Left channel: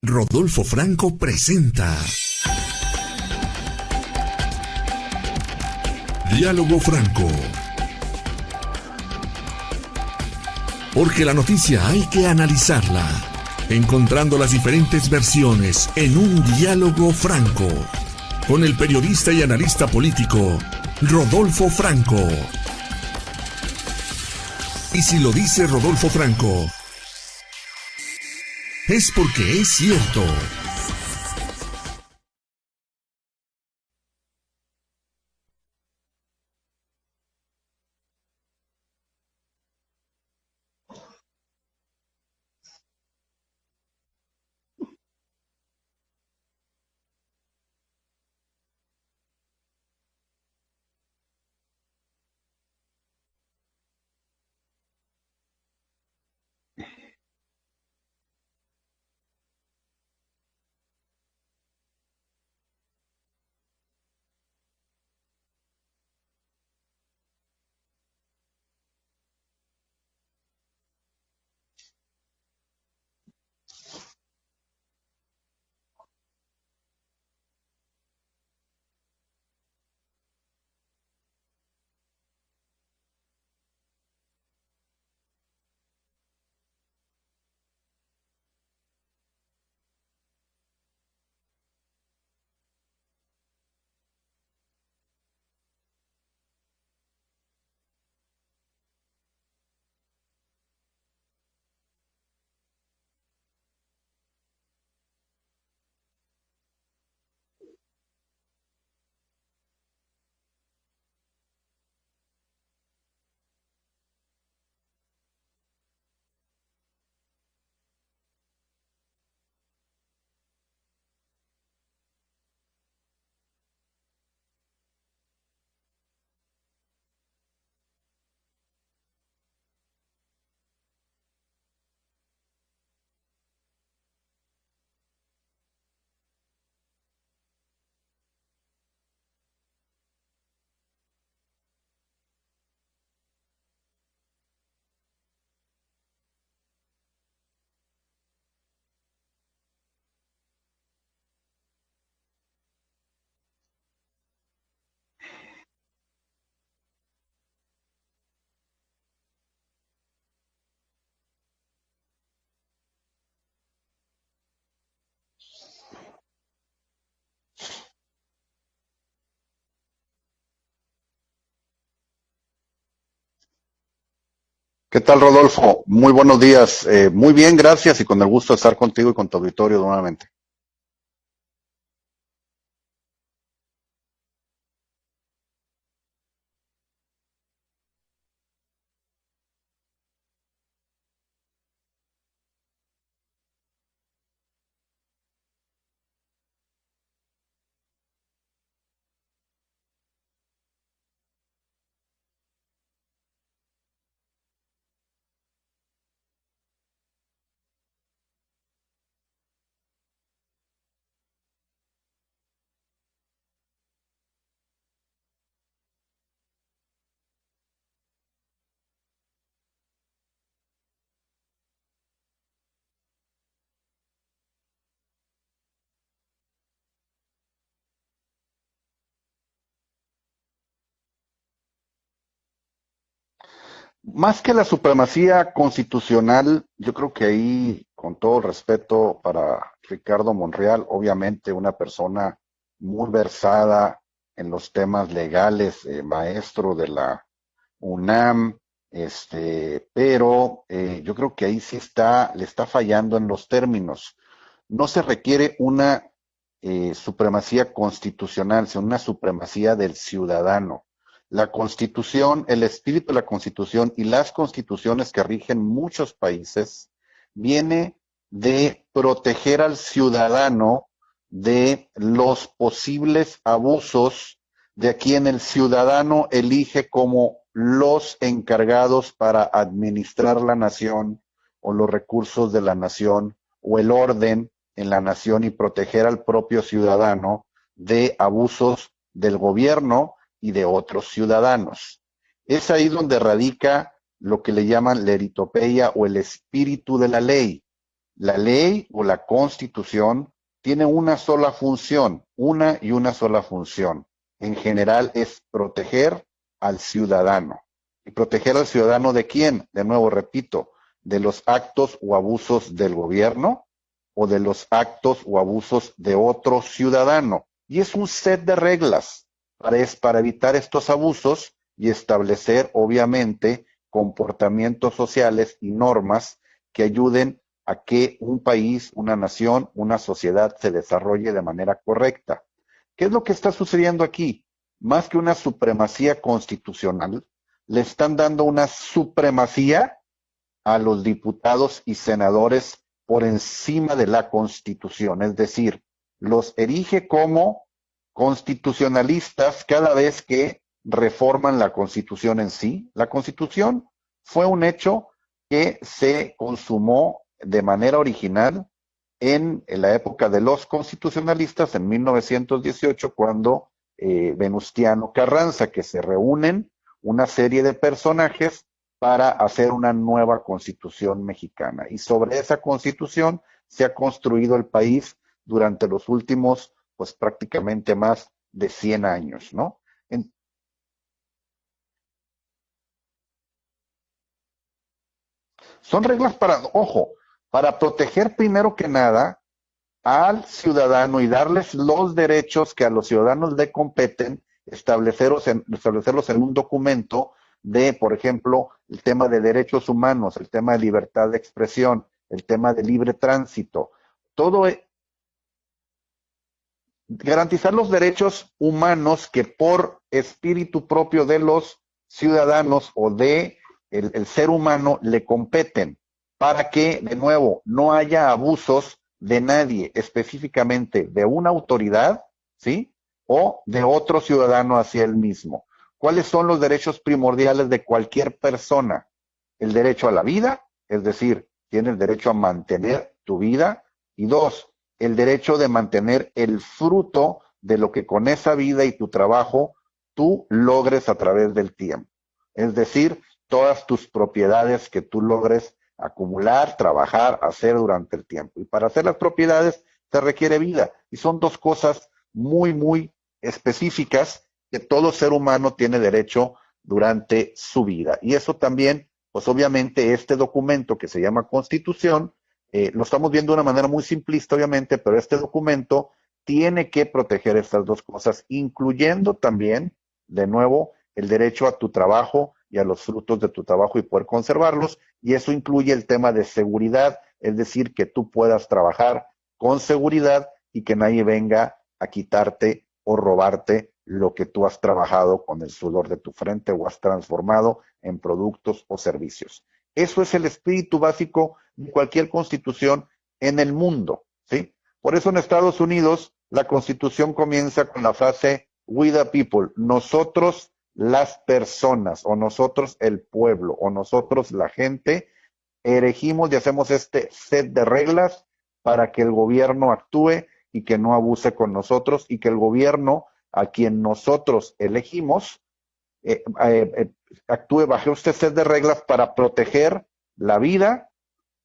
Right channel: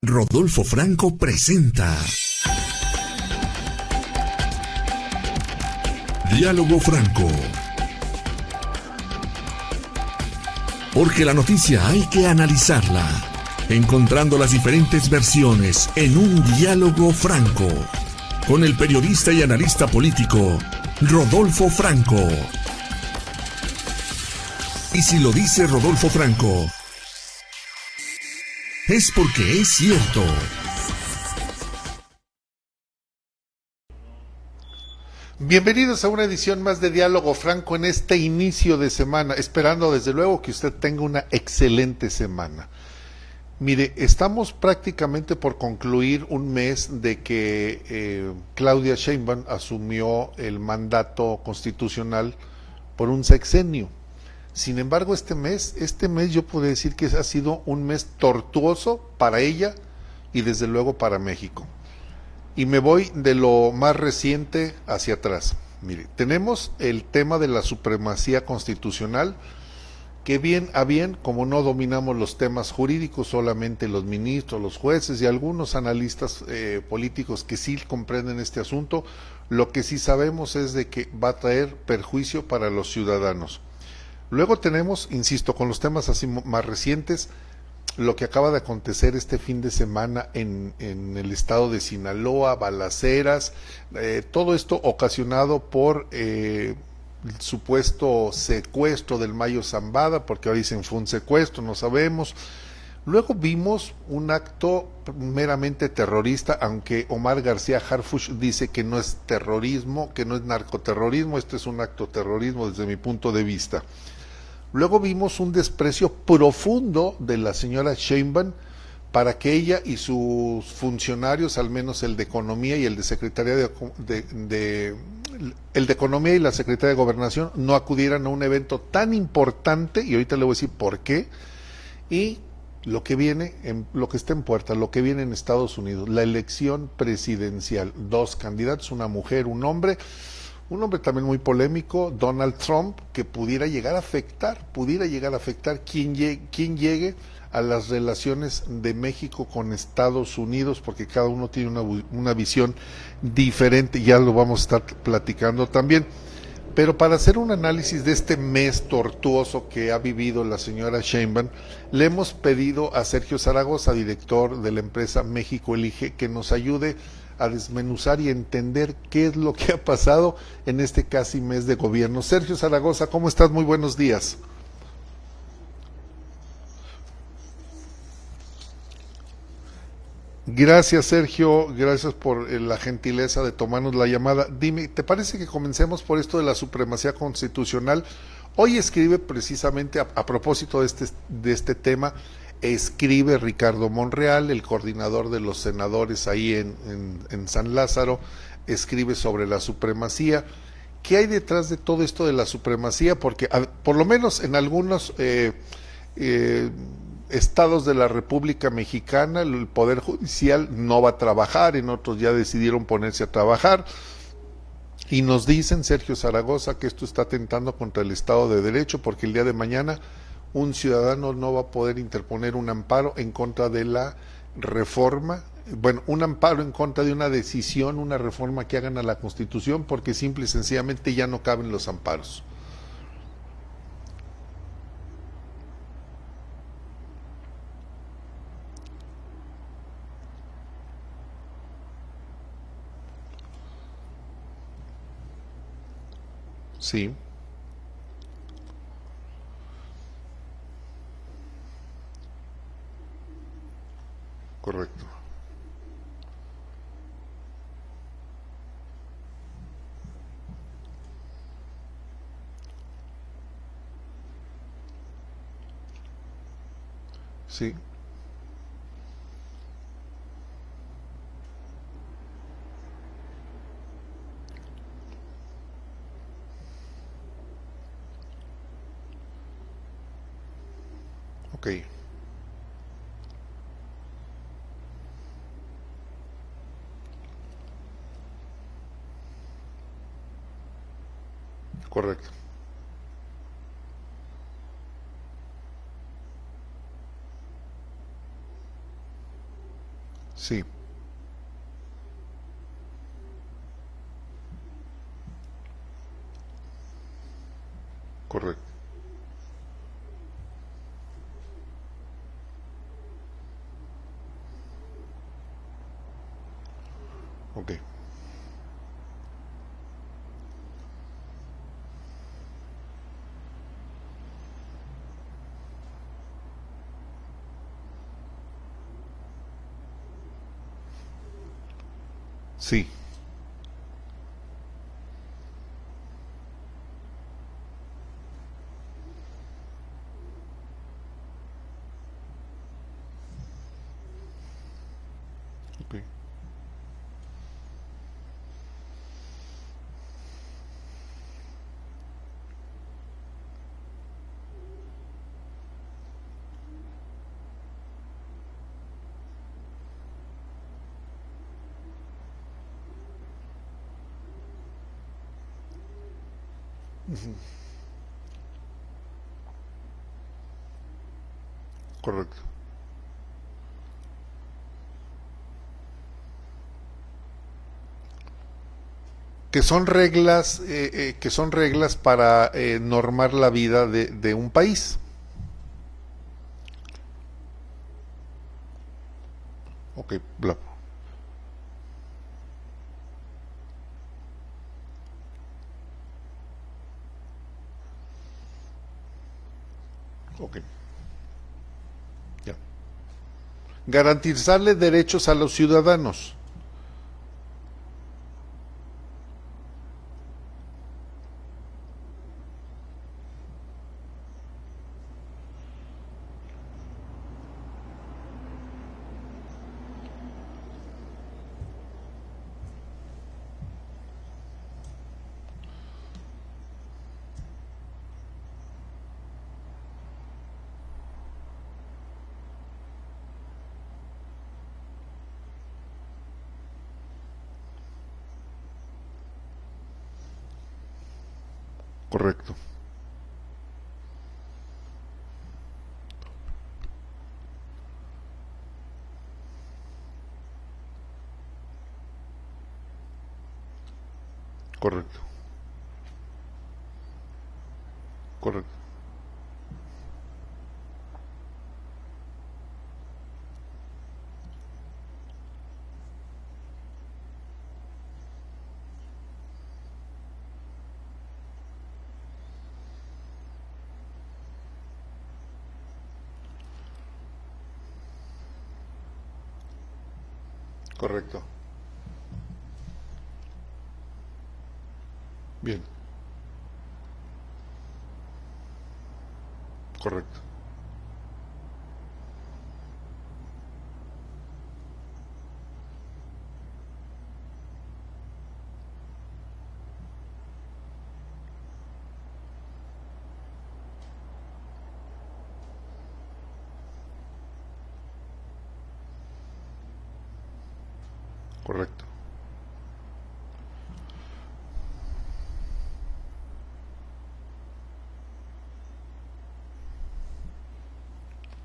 Rodolfo Franco presenta Diálogo Franco. Porque la noticia hay que analizarla, encontrando las diferentes versiones en un diálogo franco, con el periodista y analista político Rodolfo Franco. Y si lo dice Rodolfo Franco, es porque es cierto. Bienvenidos a una edición más de Diálogo Franco en este inicio de semana, esperando desde luego que usted tenga una excelente semana. Mire, estamos prácticamente por concluir un mes de que Claudia Sheinbaum asumió el mandato constitucional por un sexenio. Sin embargo, este mes yo puedo decir que ha sido un mes tortuoso para ella y desde luego para México. Y me voy de lo más reciente hacia atrás. Mire, tenemos el tema de la supremacía constitucional, que bien a bien, como no dominamos los temas jurídicos, solamente los ministros, los jueces y algunos analistas políticos que sí comprenden este asunto, lo que sí sabemos es de que va a traer perjuicio para los ciudadanos. Luego tenemos, insisto, con los temas así más recientes, lo que acaba de acontecer este fin de semana en el estado de Sinaloa, balaceras, todo esto ocasionado por el supuesto secuestro del Mayo Zambada, porque ahora dicen fue un secuestro, no sabemos. Luego vimos un acto meramente terrorista, aunque Omar García Harfuch dice que no es terrorismo, que no es narcoterrorismo, este es un acto terrorismo desde mi punto de vista. Luego vimos un desprecio profundo de la señora Sheinbaum para que ella y sus funcionarios, al menos el de Economía y el de Secretaría el de Economía y la Secretaría de Gobernación, no acudieran a un evento tan importante, y ahorita le voy a decir por qué, y lo que viene, lo que está en puerta, lo que viene en Estados Unidos, la elección presidencial, 2 candidatos, una mujer, un hombre también muy polémico, Donald Trump, que pudiera llegar a afectar quién llegue a las relaciones de México con Estados Unidos, porque cada uno tiene una visión diferente, ya lo vamos a estar platicando también. Pero para hacer un análisis de este mes tortuoso que ha vivido la señora Sheinbaum, le hemos pedido a Sergio Zaragoza, director de la empresa México Elige, que nos ayude a desmenuzar y entender qué es lo que ha pasado en este casi mes de gobierno. Sergio Zaragoza, ¿cómo estás? Muy buenos días. ¿Qué tal, Rodolfo? Muy buenos días. Muy bien, gracias y con el gusto de estar contigo y con tu auditorio nuevamente. Gracias, Sergio. Gracias por la gentileza de tomarnos la llamada. Dime, ¿te parece que comencemos por esto de la supremacía constitucional? Hoy escribe precisamente a propósito de este tema, escribe Ricardo Monreal, el coordinador de los senadores ahí en San Lázaro, escribe sobre la supremacía. ¿Qué hay detrás de todo esto de la supremacía? Porque por lo menos en algunos estados de la República Mexicana el Poder Judicial no va a trabajar, en otros ya decidieron ponerse a trabajar. Y nos dicen, Sergio Zaragoza, que esto está atentando contra el Estado de Derecho, porque el día de mañana un ciudadano no va a poder interponer un amparo en contra de la reforma, bueno, un amparo en contra de una decisión, una reforma que hagan a la Constitución, porque simple y sencillamente ya no caben los amparos. Más que la supremacía constitucional, yo creo que ahí, con todo respeto para Ricardo Monreal, obviamente una persona muy versada en los temas legales, maestro de Sí. la UNAM, pero yo creo que ahí sí le está fallando en los términos. No Correcto. se requiere una supremacía constitucional, sino una supremacía del ciudadano. La Constitución, el espíritu de la Constitución y las constituciones que rigen muchos países Sí. viene de proteger al ciudadano de los posibles abusos de quien el ciudadano elige como los encargados para administrar la nación Ok. o los recursos de la nación o el orden en la nación y proteger al propio ciudadano de abusos del gobierno y de otros ciudadanos. Correcto. Es ahí donde radica lo que le llaman la eritopeia o el espíritu de la ley. La ley o la constitución Sí. tiene una sola función, una sola función. En general es proteger al ciudadano. ¿Y proteger al ciudadano de quién? De nuevo, repito, de los actos o abusos del gobierno o de los actos o abusos de otro ciudadano. Ok. Y es un set de reglas para evitar estos abusos y establecer, obviamente, comportamientos sociales y normas que ayuden a que un país, una nación, una sociedad se desarrolle de manera correcta. Sí. ¿Qué es lo que está sucediendo aquí? Más que una supremacía constitucional, le están dando una supremacía a los diputados y senadores por encima de la Constitución, es decir, Ok. los erige como constitucionalistas cada vez que reforman la Constitución en sí. La Constitución fue un hecho que se consumó de manera original en la época de los constitucionalistas, en 1918, cuando Venustiano Carranza, que se reúnen una serie de personajes para hacer una nueva constitución mexicana. Y sobre esa constitución se ha construido el país durante los últimos, pues prácticamente más de 100 años. Que ¿no? son reglas, que son reglas para normar la vida de un país. Son reglas para, ojo, para proteger primero que nada al ciudadano y darles los derechos que a los ciudadanos le competen, establecerlos en un documento de, por ejemplo, el tema de derechos humanos, el tema de libertad de expresión, el tema de libre tránsito. Garantizarle derechos a los ciudadanos. Garantizar los derechos humanos que por espíritu propio de los ciudadanos o de el ser humano le competen, para que, de nuevo, no haya abusos de nadie, específicamente de una autoridad, ¿sí? O de otro ciudadano hacia él mismo. ¿Cuáles son los derechos primordiales de cualquier persona? El derecho a la vida, es decir, tiene el derecho a mantener tu vida, y dos, el derecho de mantener el fruto de lo que con esa vida y tu trabajo tú logres a través del tiempo. Correcto. Es decir, todas tus propiedades que tú logres acumular, trabajar, hacer durante el tiempo. Y para hacer las propiedades te requiere vida. Y son dos cosas muy, muy específicas que todo ser humano tiene derecho durante su vida. Y eso también, pues obviamente este documento que se llama Constitución, lo estamos viendo de una manera muy simplista, obviamente, pero este documento tiene que proteger estas dos cosas, incluyendo también, de nuevo, el derecho a tu trabajo y a los frutos de tu trabajo y poder conservarlos, y eso incluye el tema de seguridad, es decir, que tú puedas trabajar con seguridad y que nadie venga a quitarte o robarte lo que tú has trabajado con el sudor de tu frente o has transformado en productos o servicios. Eso es el espíritu básico de cualquier constitución en el mundo, ¿sí? Por eso en Estados Unidos la constitución comienza con la frase "We the people", nosotros las personas, o nosotros el pueblo, o nosotros la gente, elegimos y hacemos este set de reglas para que el gobierno actúe y que no abuse con nosotros, y que el gobierno a quien nosotros elegimos actúe bajo este set de reglas para proteger la vida,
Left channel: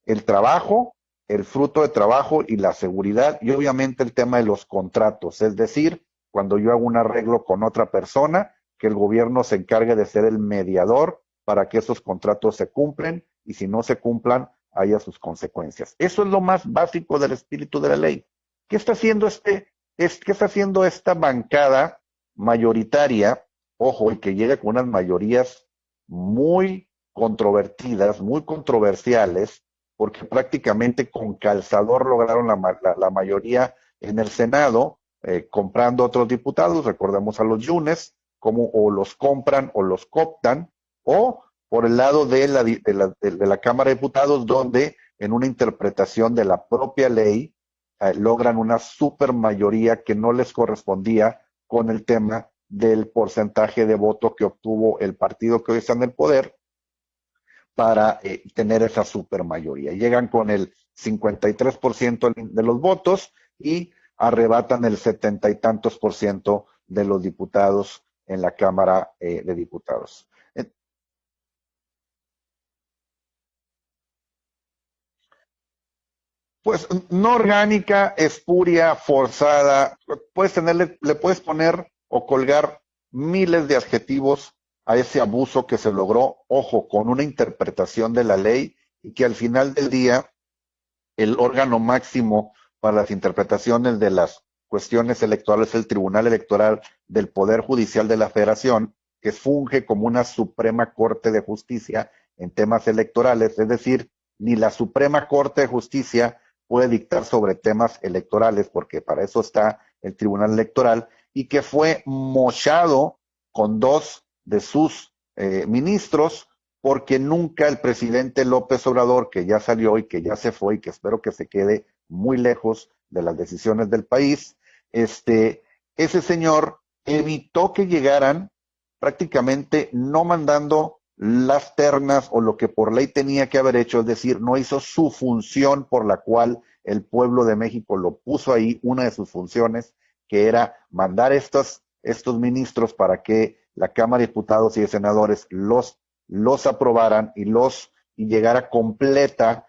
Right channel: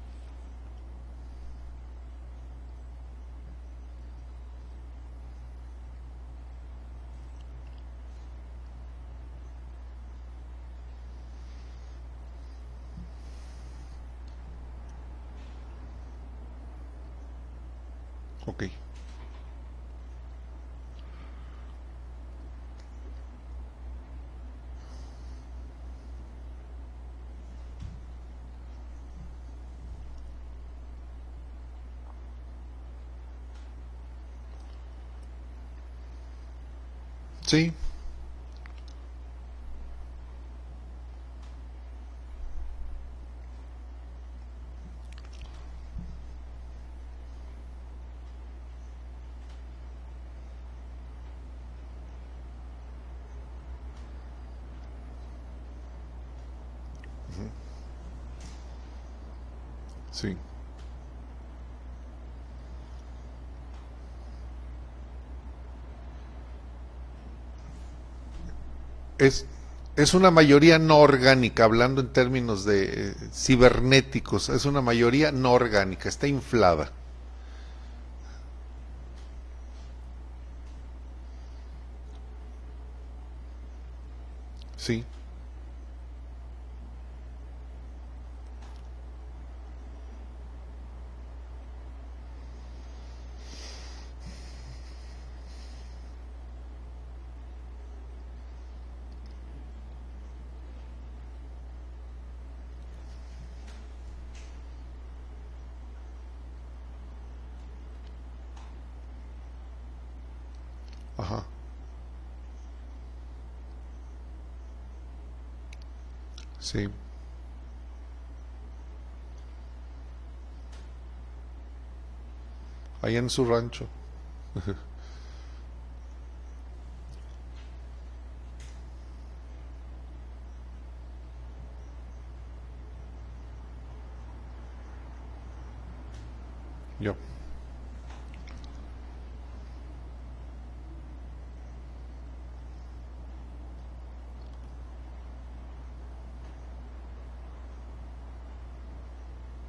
el trabajo, el fruto de trabajo y la seguridad, y obviamente el tema de los contratos, es decir, cuando yo hago un arreglo con otra persona, que el gobierno se encargue de ser el mediador para que esos contratos se cumplen, y si no se cumplan, haya sus consecuencias. Eso es lo más básico del espíritu de la ley. ¿Qué está haciendo qué está haciendo esta bancada mayoritaria, ojo, y que llega con unas mayorías muy controvertidas, muy controversiales, porque prácticamente con calzador lograron la mayoría en el Senado, comprando otros diputados, recordemos a los Yunes, como o los compran o los cooptan, o por el lado de la Cámara de Diputados, donde en una interpretación de la propia ley logran una supermayoría que no les correspondía con el tema del porcentaje de voto que obtuvo el partido que hoy está en el poder para tener esa supermayoría. Llegan con el 53% de los votos y arrebatan el 70 y tantos % de los diputados en la Cámara de Diputados. Es una mayoría no orgánica, hablando en términos de cibernéticos, es una mayoría no orgánica, está inflada. Pues no orgánica, espuria, forzada, le puedes poner o colgar miles de adjetivos a ese abuso que se logró, ojo, con una interpretación de la ley, y que al final del día el órgano máximo para las interpretaciones de las cuestiones electorales es el Tribunal Electoral del Poder Judicial de la Federación, que funge como una Suprema Corte de Justicia en temas electorales, es decir, ni la Suprema Corte de Justicia puede dictar sobre temas electorales, porque para eso está el Tribunal Electoral. Ajá. Y que fue mochado con 2 de sus ministros, porque nunca el presidente López Obrador, que ya salió y que ya se fue y que espero que se quede muy lejos de las decisiones del país, ese señor evitó que llegaran, prácticamente no mandando las ternas o lo que por ley tenía que haber hecho, es decir, no hizo su función por la cual el pueblo de México lo puso ahí, una de sus funciones, que era mandar estos ministros para que la Cámara de Diputados y de Senadores los aprobaran y llegara completa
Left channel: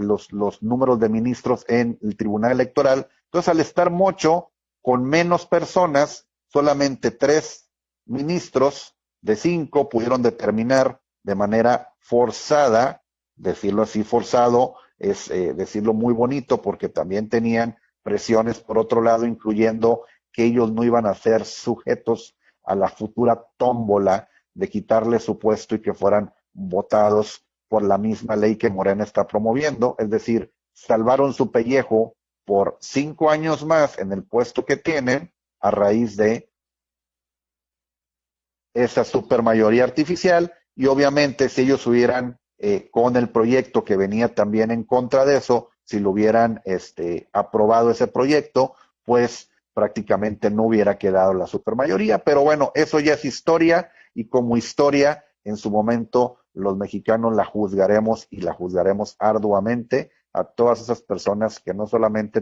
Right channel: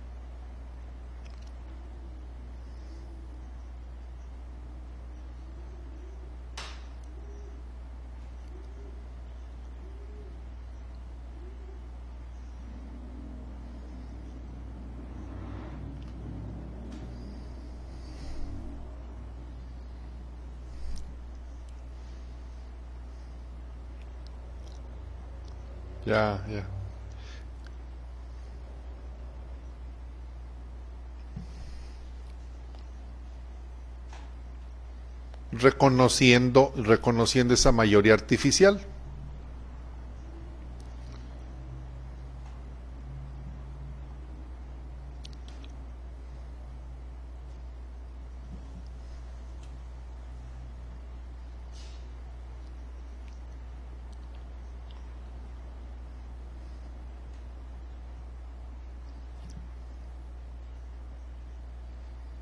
los números de ministros en el Tribunal Electoral. Entonces, al estar mocho con menos personas, solamente 3 ministros de 5 pudieron determinar de manera forzada, decirlo así, forzado es decirlo muy bonito, porque también tenían presiones por otro lado, incluyendo que ellos no iban a ser sujetos a la futura tómbola de quitarle su puesto y que fueran votados por la misma ley que Morena está promoviendo, es decir, salvaron su pellejo por 5 años más en el puesto que tienen, reconociendo esa mayoría artificial. Esa supermayoría artificial, y obviamente si ellos hubieran, con el proyecto que venía también en contra de eso, si lo hubieran aprobado ese proyecto, pues prácticamente no hubiera quedado la supermayoría, pero bueno, eso ya es historia, y como historia, en su momento los mexicanos la juzgaremos, y la juzgaremos arduamente a todas esas personas que no solamente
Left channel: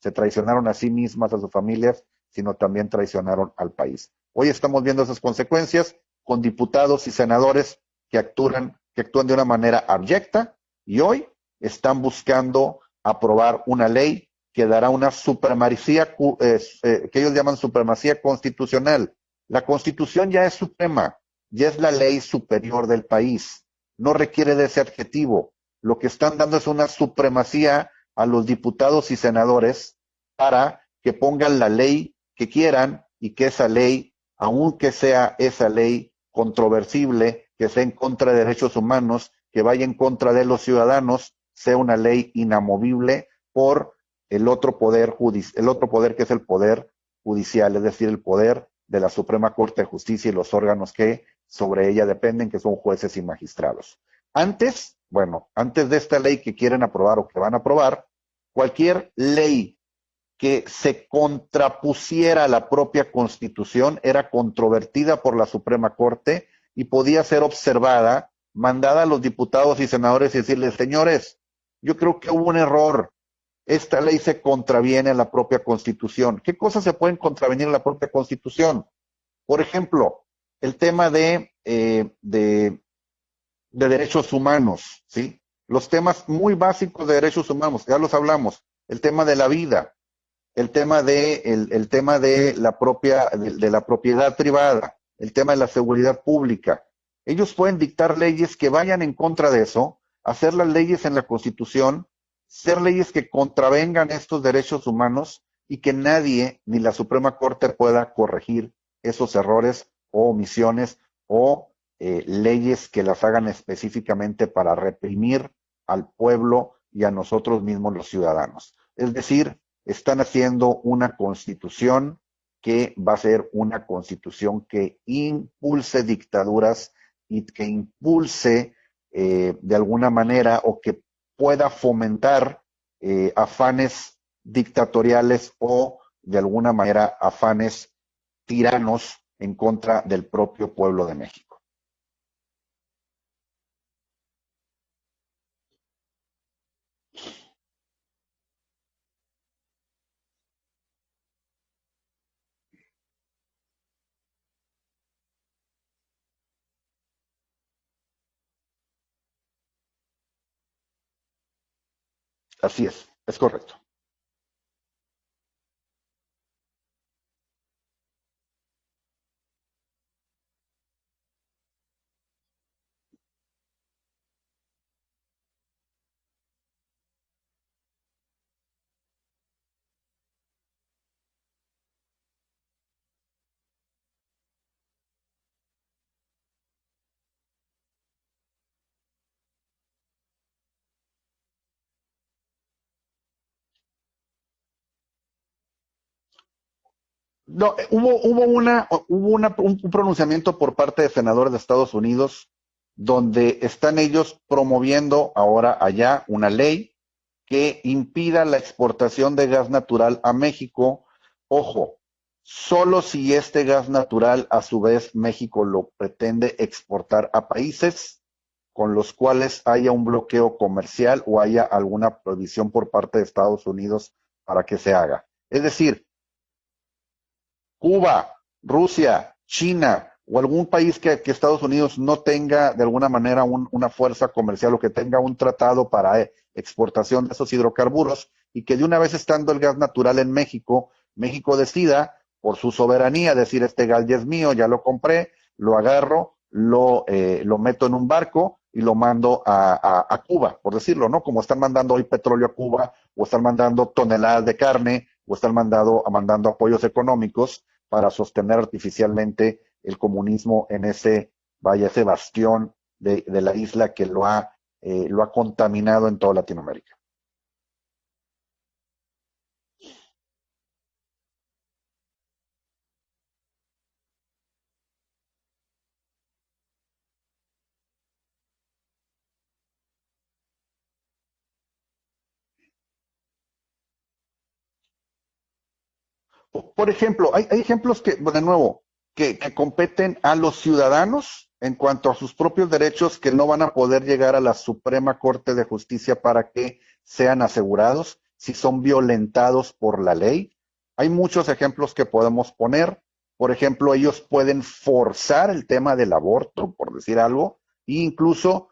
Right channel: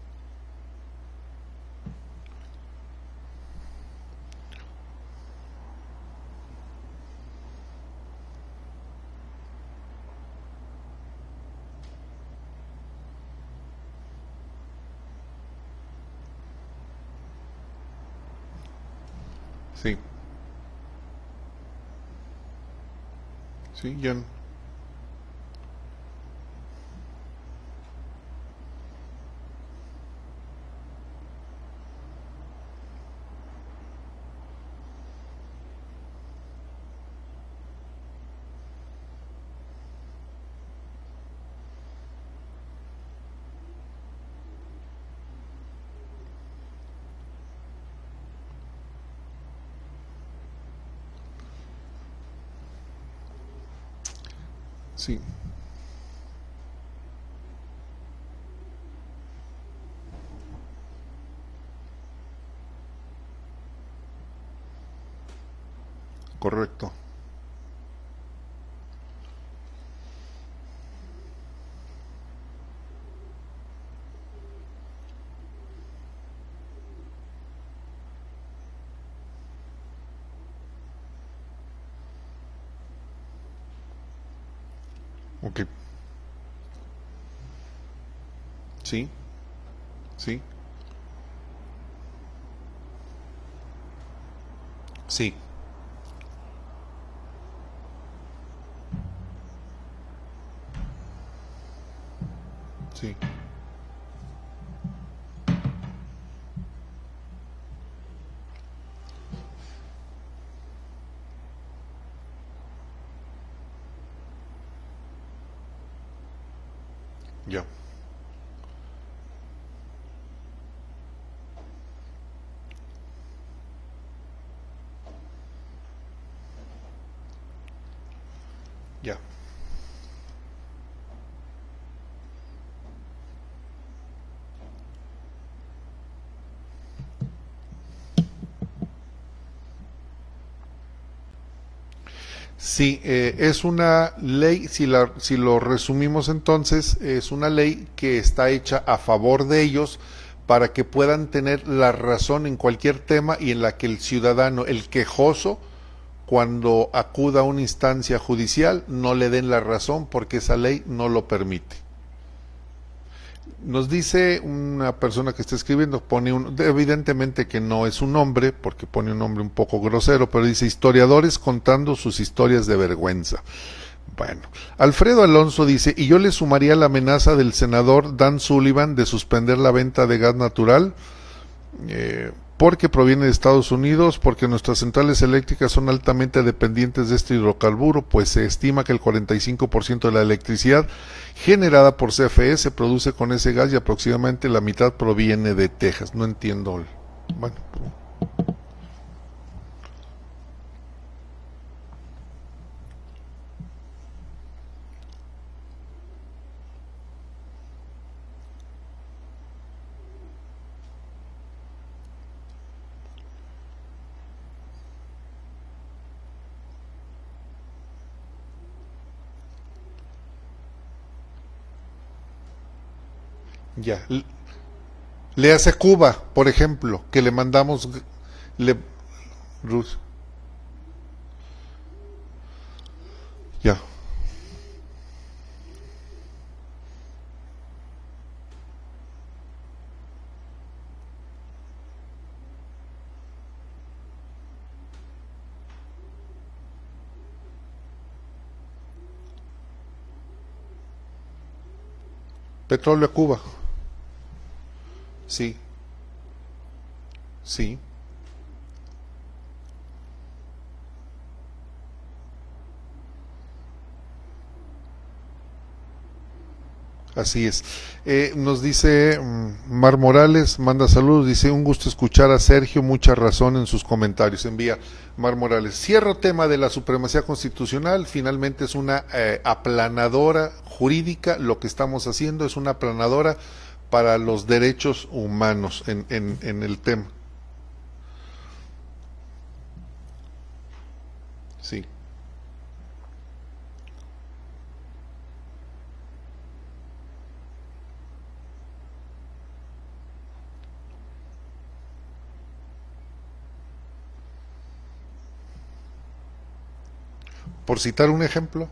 se traicionaron a sí mismas, a sus familias, sino también traicionaron al país. Hoy estamos viendo esas consecuencias con diputados y senadores que actúan de una manera abyecta, y hoy están buscando aprobar una ley que dará una supremacía, que ellos llaman supremacía constitucional. La Constitución ya es suprema, ya es la ley superior del país, no requiere de ese adjetivo. Lo que están dando es una supremacía a los diputados y senadores para que pongan la ley que quieran, y que esa ley, aunque sea esa ley controversible, que sea en contra de derechos humanos, que vaya en contra de los ciudadanos, sea una ley inamovible por el otro poder que es el poder judicial, es decir, el poder de la Suprema Corte de Justicia y los órganos que sobre ella dependen, que son jueces y magistrados. Antes de esta ley que quieren aprobar o que van a aprobar, cualquier ley que se contrapusiera a la propia Constitución era controvertida por la Suprema Corte. Correcto. Y podía ser observada, mandada a los diputados y senadores y decirles: señores, yo creo que hubo un error, esta ley se contraviene a la propia Constitución. ¿Qué cosas se pueden contravenir a la propia Constitución? Por ejemplo, el tema de derechos humanos, ¿sí? Okay. Los temas muy básicos de derechos humanos, ya los hablamos. Sí. El tema de la vida, sí. el tema de la propiedad privada, sí. el tema de la seguridad pública. Ellos pueden dictar leyes que vayan en contra de eso, hacer las leyes en la Constitución, ser leyes que contravengan estos derechos humanos, y que nadie, ni la Suprema Corte, pueda corregir esos errores o omisiones o leyes que las hagan específicamente para reprimir al pueblo y a nosotros mismos los ciudadanos. Es decir, están haciendo una constitución que va a ser una constitución que impulse dictaduras y que impulse de alguna manera, o que pueda fomentar afanes dictatoriales o de alguna manera afanes tiranos en contra del propio pueblo de México. Sí, es una ley, si lo resumimos entonces, es una ley que está hecha a favor de ellos para que puedan tener la razón en cualquier tema y en la que el ciudadano, el quejoso, cuando acuda a una instancia judicial, no le den la razón porque esa ley no lo permite. Así es correcto. Nos dice una persona que está escribiendo, evidentemente que no es un nombre, porque pone un nombre un poco grosero, pero dice historiadores contando sus historias de vergüenza. Bueno, Alfredo Alonso dice, y yo le sumaría la amenaza del senador Dan Sullivan de suspender la venta de gas natural, porque proviene de Estados Unidos, porque nuestras centrales eléctricas son altamente dependientes de este hidrocarburo, pues se estima que el 45% de la electricidad generada por CFE se produce con ese gas y aproximadamente la mitad proviene de Texas. No entiendo. Bueno. No, hubo un pronunciamiento por parte de senadores de Estados Unidos donde están ellos promoviendo ahora allá una ley que impida la exportación de gas natural a México. Ojo, solo si este gas natural a su vez México lo pretende exportar a países con los cuales haya un bloqueo comercial o haya alguna prohibición por parte de Estados Unidos para que se haga. Le hace Cuba, por ejemplo, que le mandamos... Cuba, Rusia, China, o algún país que Estados Unidos no tenga de alguna manera una fuerza comercial o que tenga un tratado para exportación de esos hidrocarburos y que de una vez estando el gas natural en México, México decida por su soberanía decir este gas ya es mío, ya lo compré, lo agarro, lo meto en un barco y lo mando a Cuba, por decirlo, ¿no? Como están mandando hoy petróleo a Cuba, o están mandando toneladas de carne, o están mandando apoyos económicos para sostener artificialmente el comunismo en ese bastión de la isla que lo ha contaminado en toda Latinoamérica. Así es. Nos dice Mar Morales, manda saludos, dice un gusto escuchar a Sergio, mucha razón en sus comentarios, envía Mar Morales. Cierro tema de la supremacía constitucional, finalmente es una aplanadora jurídica, lo que estamos haciendo es una aplanadora para los derechos humanos en el tema. Por ejemplo, hay ejemplos que, de nuevo, que competen a los ciudadanos en cuanto a sus propios derechos que no van a poder llegar a la Suprema Corte de Justicia para que sean asegurados si son violentados por la ley. Hay muchos ejemplos que podemos poner. Por ejemplo, ellos pueden forzar el tema del aborto, por decir algo. Por citar un ejemplo.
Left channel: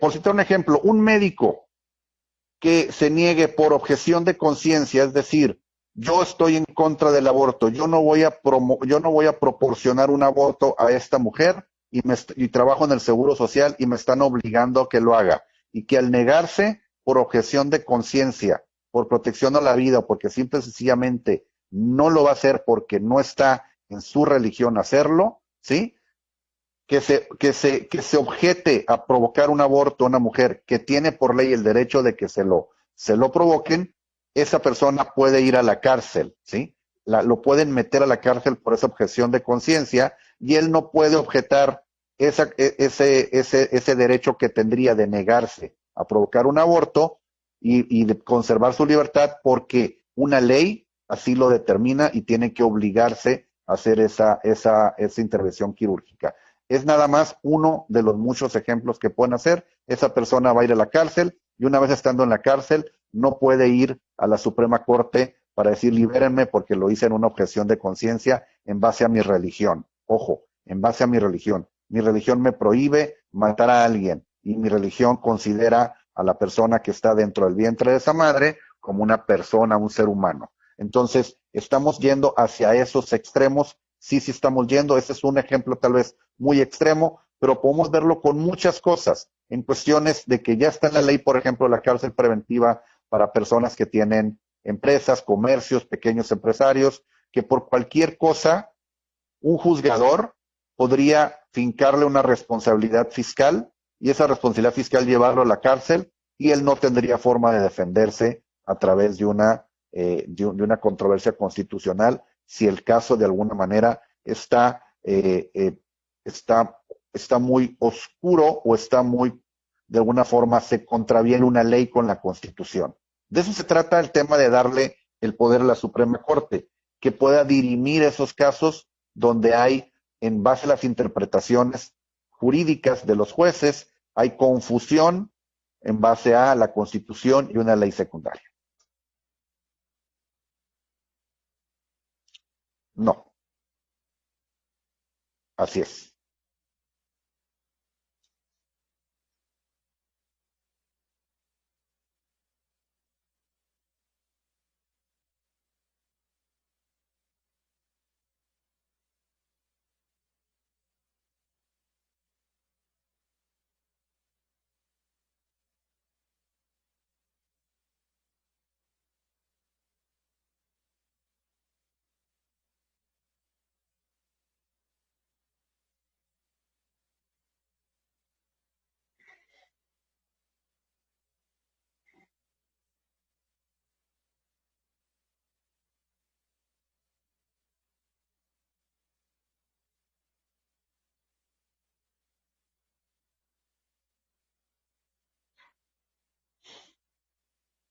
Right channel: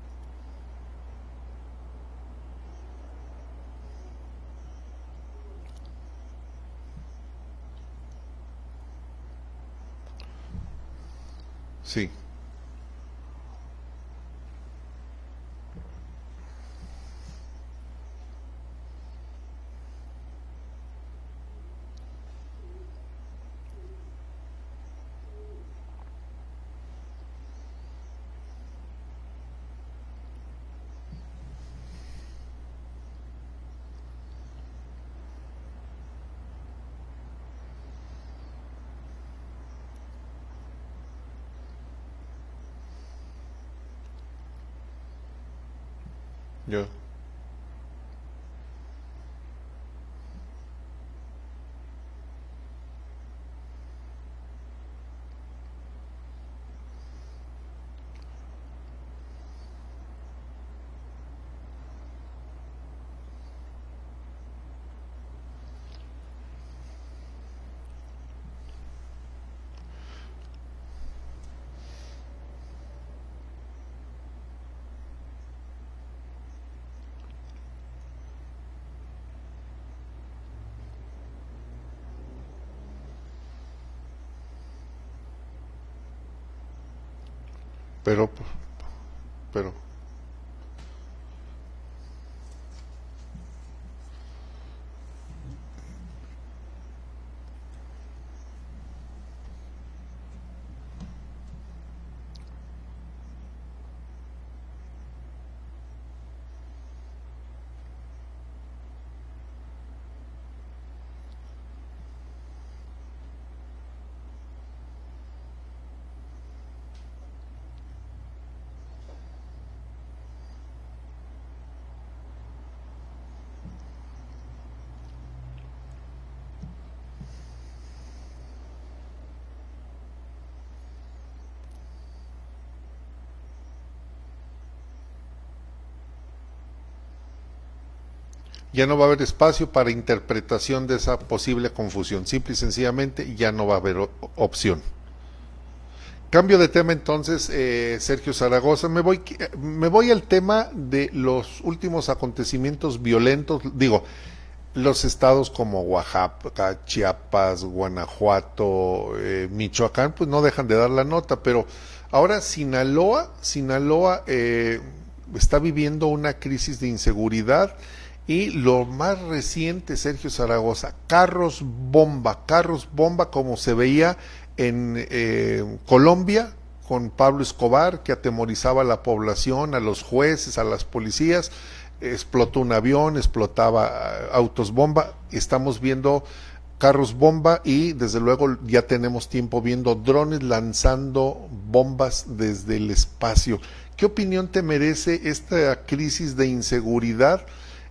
Por citar un ejemplo, un médico que se niegue por objeción de conciencia, es decir, yo estoy en contra del aborto, yo no voy a proporcionar un aborto a esta mujer y trabajo en el Seguro Social y me están obligando a que lo haga. Y que al negarse por objeción de conciencia, por protección a la vida, porque simple y sencillamente no lo va a hacer porque no está en su religión hacerlo, ¿sí? Que se objete a provocar un aborto a una mujer que tiene por ley el derecho de que se lo provoquen, esa persona puede ir a la cárcel, ¿sí? Lo pueden meter a la cárcel por esa objeción de conciencia y él no puede objetar ese derecho que tendría de negarse a provocar un aborto y de conservar su libertad porque una ley así lo determina y tiene que obligarse a hacer esa intervención quirúrgica. Es nada más uno de los muchos ejemplos que pueden hacer. Esa persona va a ir a la cárcel y una vez estando en la cárcel no puede ir a la Suprema Corte para decir libérenme porque lo hice en una objeción de conciencia en base a mi religión. Ojo, en base a mi religión. Mi religión me prohíbe matar a alguien y mi religión considera a la persona que está dentro del vientre de esa madre como una persona, un ser humano. Entonces, estamos yendo hacia esos extremos, sí estamos yendo, ese es un ejemplo tal vez muy extremo, pero podemos verlo con muchas cosas, en cuestiones de que ya está en la ley, por ejemplo, la cárcel preventiva para personas que tienen empresas, comercios, pequeños empresarios, que por cualquier cosa, un juzgador podría fincarle una responsabilidad fiscal y esa responsabilidad fiscal llevarlo a la cárcel y él no tendría forma de defenderse a través de una controversia constitucional si el caso de alguna manera está muy oscuro o está muy, de alguna forma, se contraviene una ley con la Constitución. De eso se trata el tema de darle el poder a la Suprema Corte, que pueda dirimir esos casos donde hay, en base a las interpretaciones jurídicas de los jueces, hay confusión en base a la Constitución y una ley secundaria. Ya no va a haber espacio para interpretación de esa posible confusión. Simple y No, sencillamente ya no va a haber opción. así es. Cambio de tema entonces, Sergio Zaragoza. Me voy al tema de los últimos acontecimientos violentos. Digo, los estados como Oaxaca, Chiapas, Guanajuato, Michoacán, pues no dejan de dar la nota, pero ahora Sinaloa está viviendo una crisis de inseguridad y lo más reciente, Sergio Zaragoza, carros bomba como se veía en Colombia con Pablo Escobar, que atemorizaba a la población, a los jueces, a las policías. Explotó un avión, explotaba autos bomba. Estamos viendo carros bomba y desde luego ya tenemos tiempo viendo drones lanzando bombas desde el espacio. ¿Qué opinión te merece esta crisis de inseguridad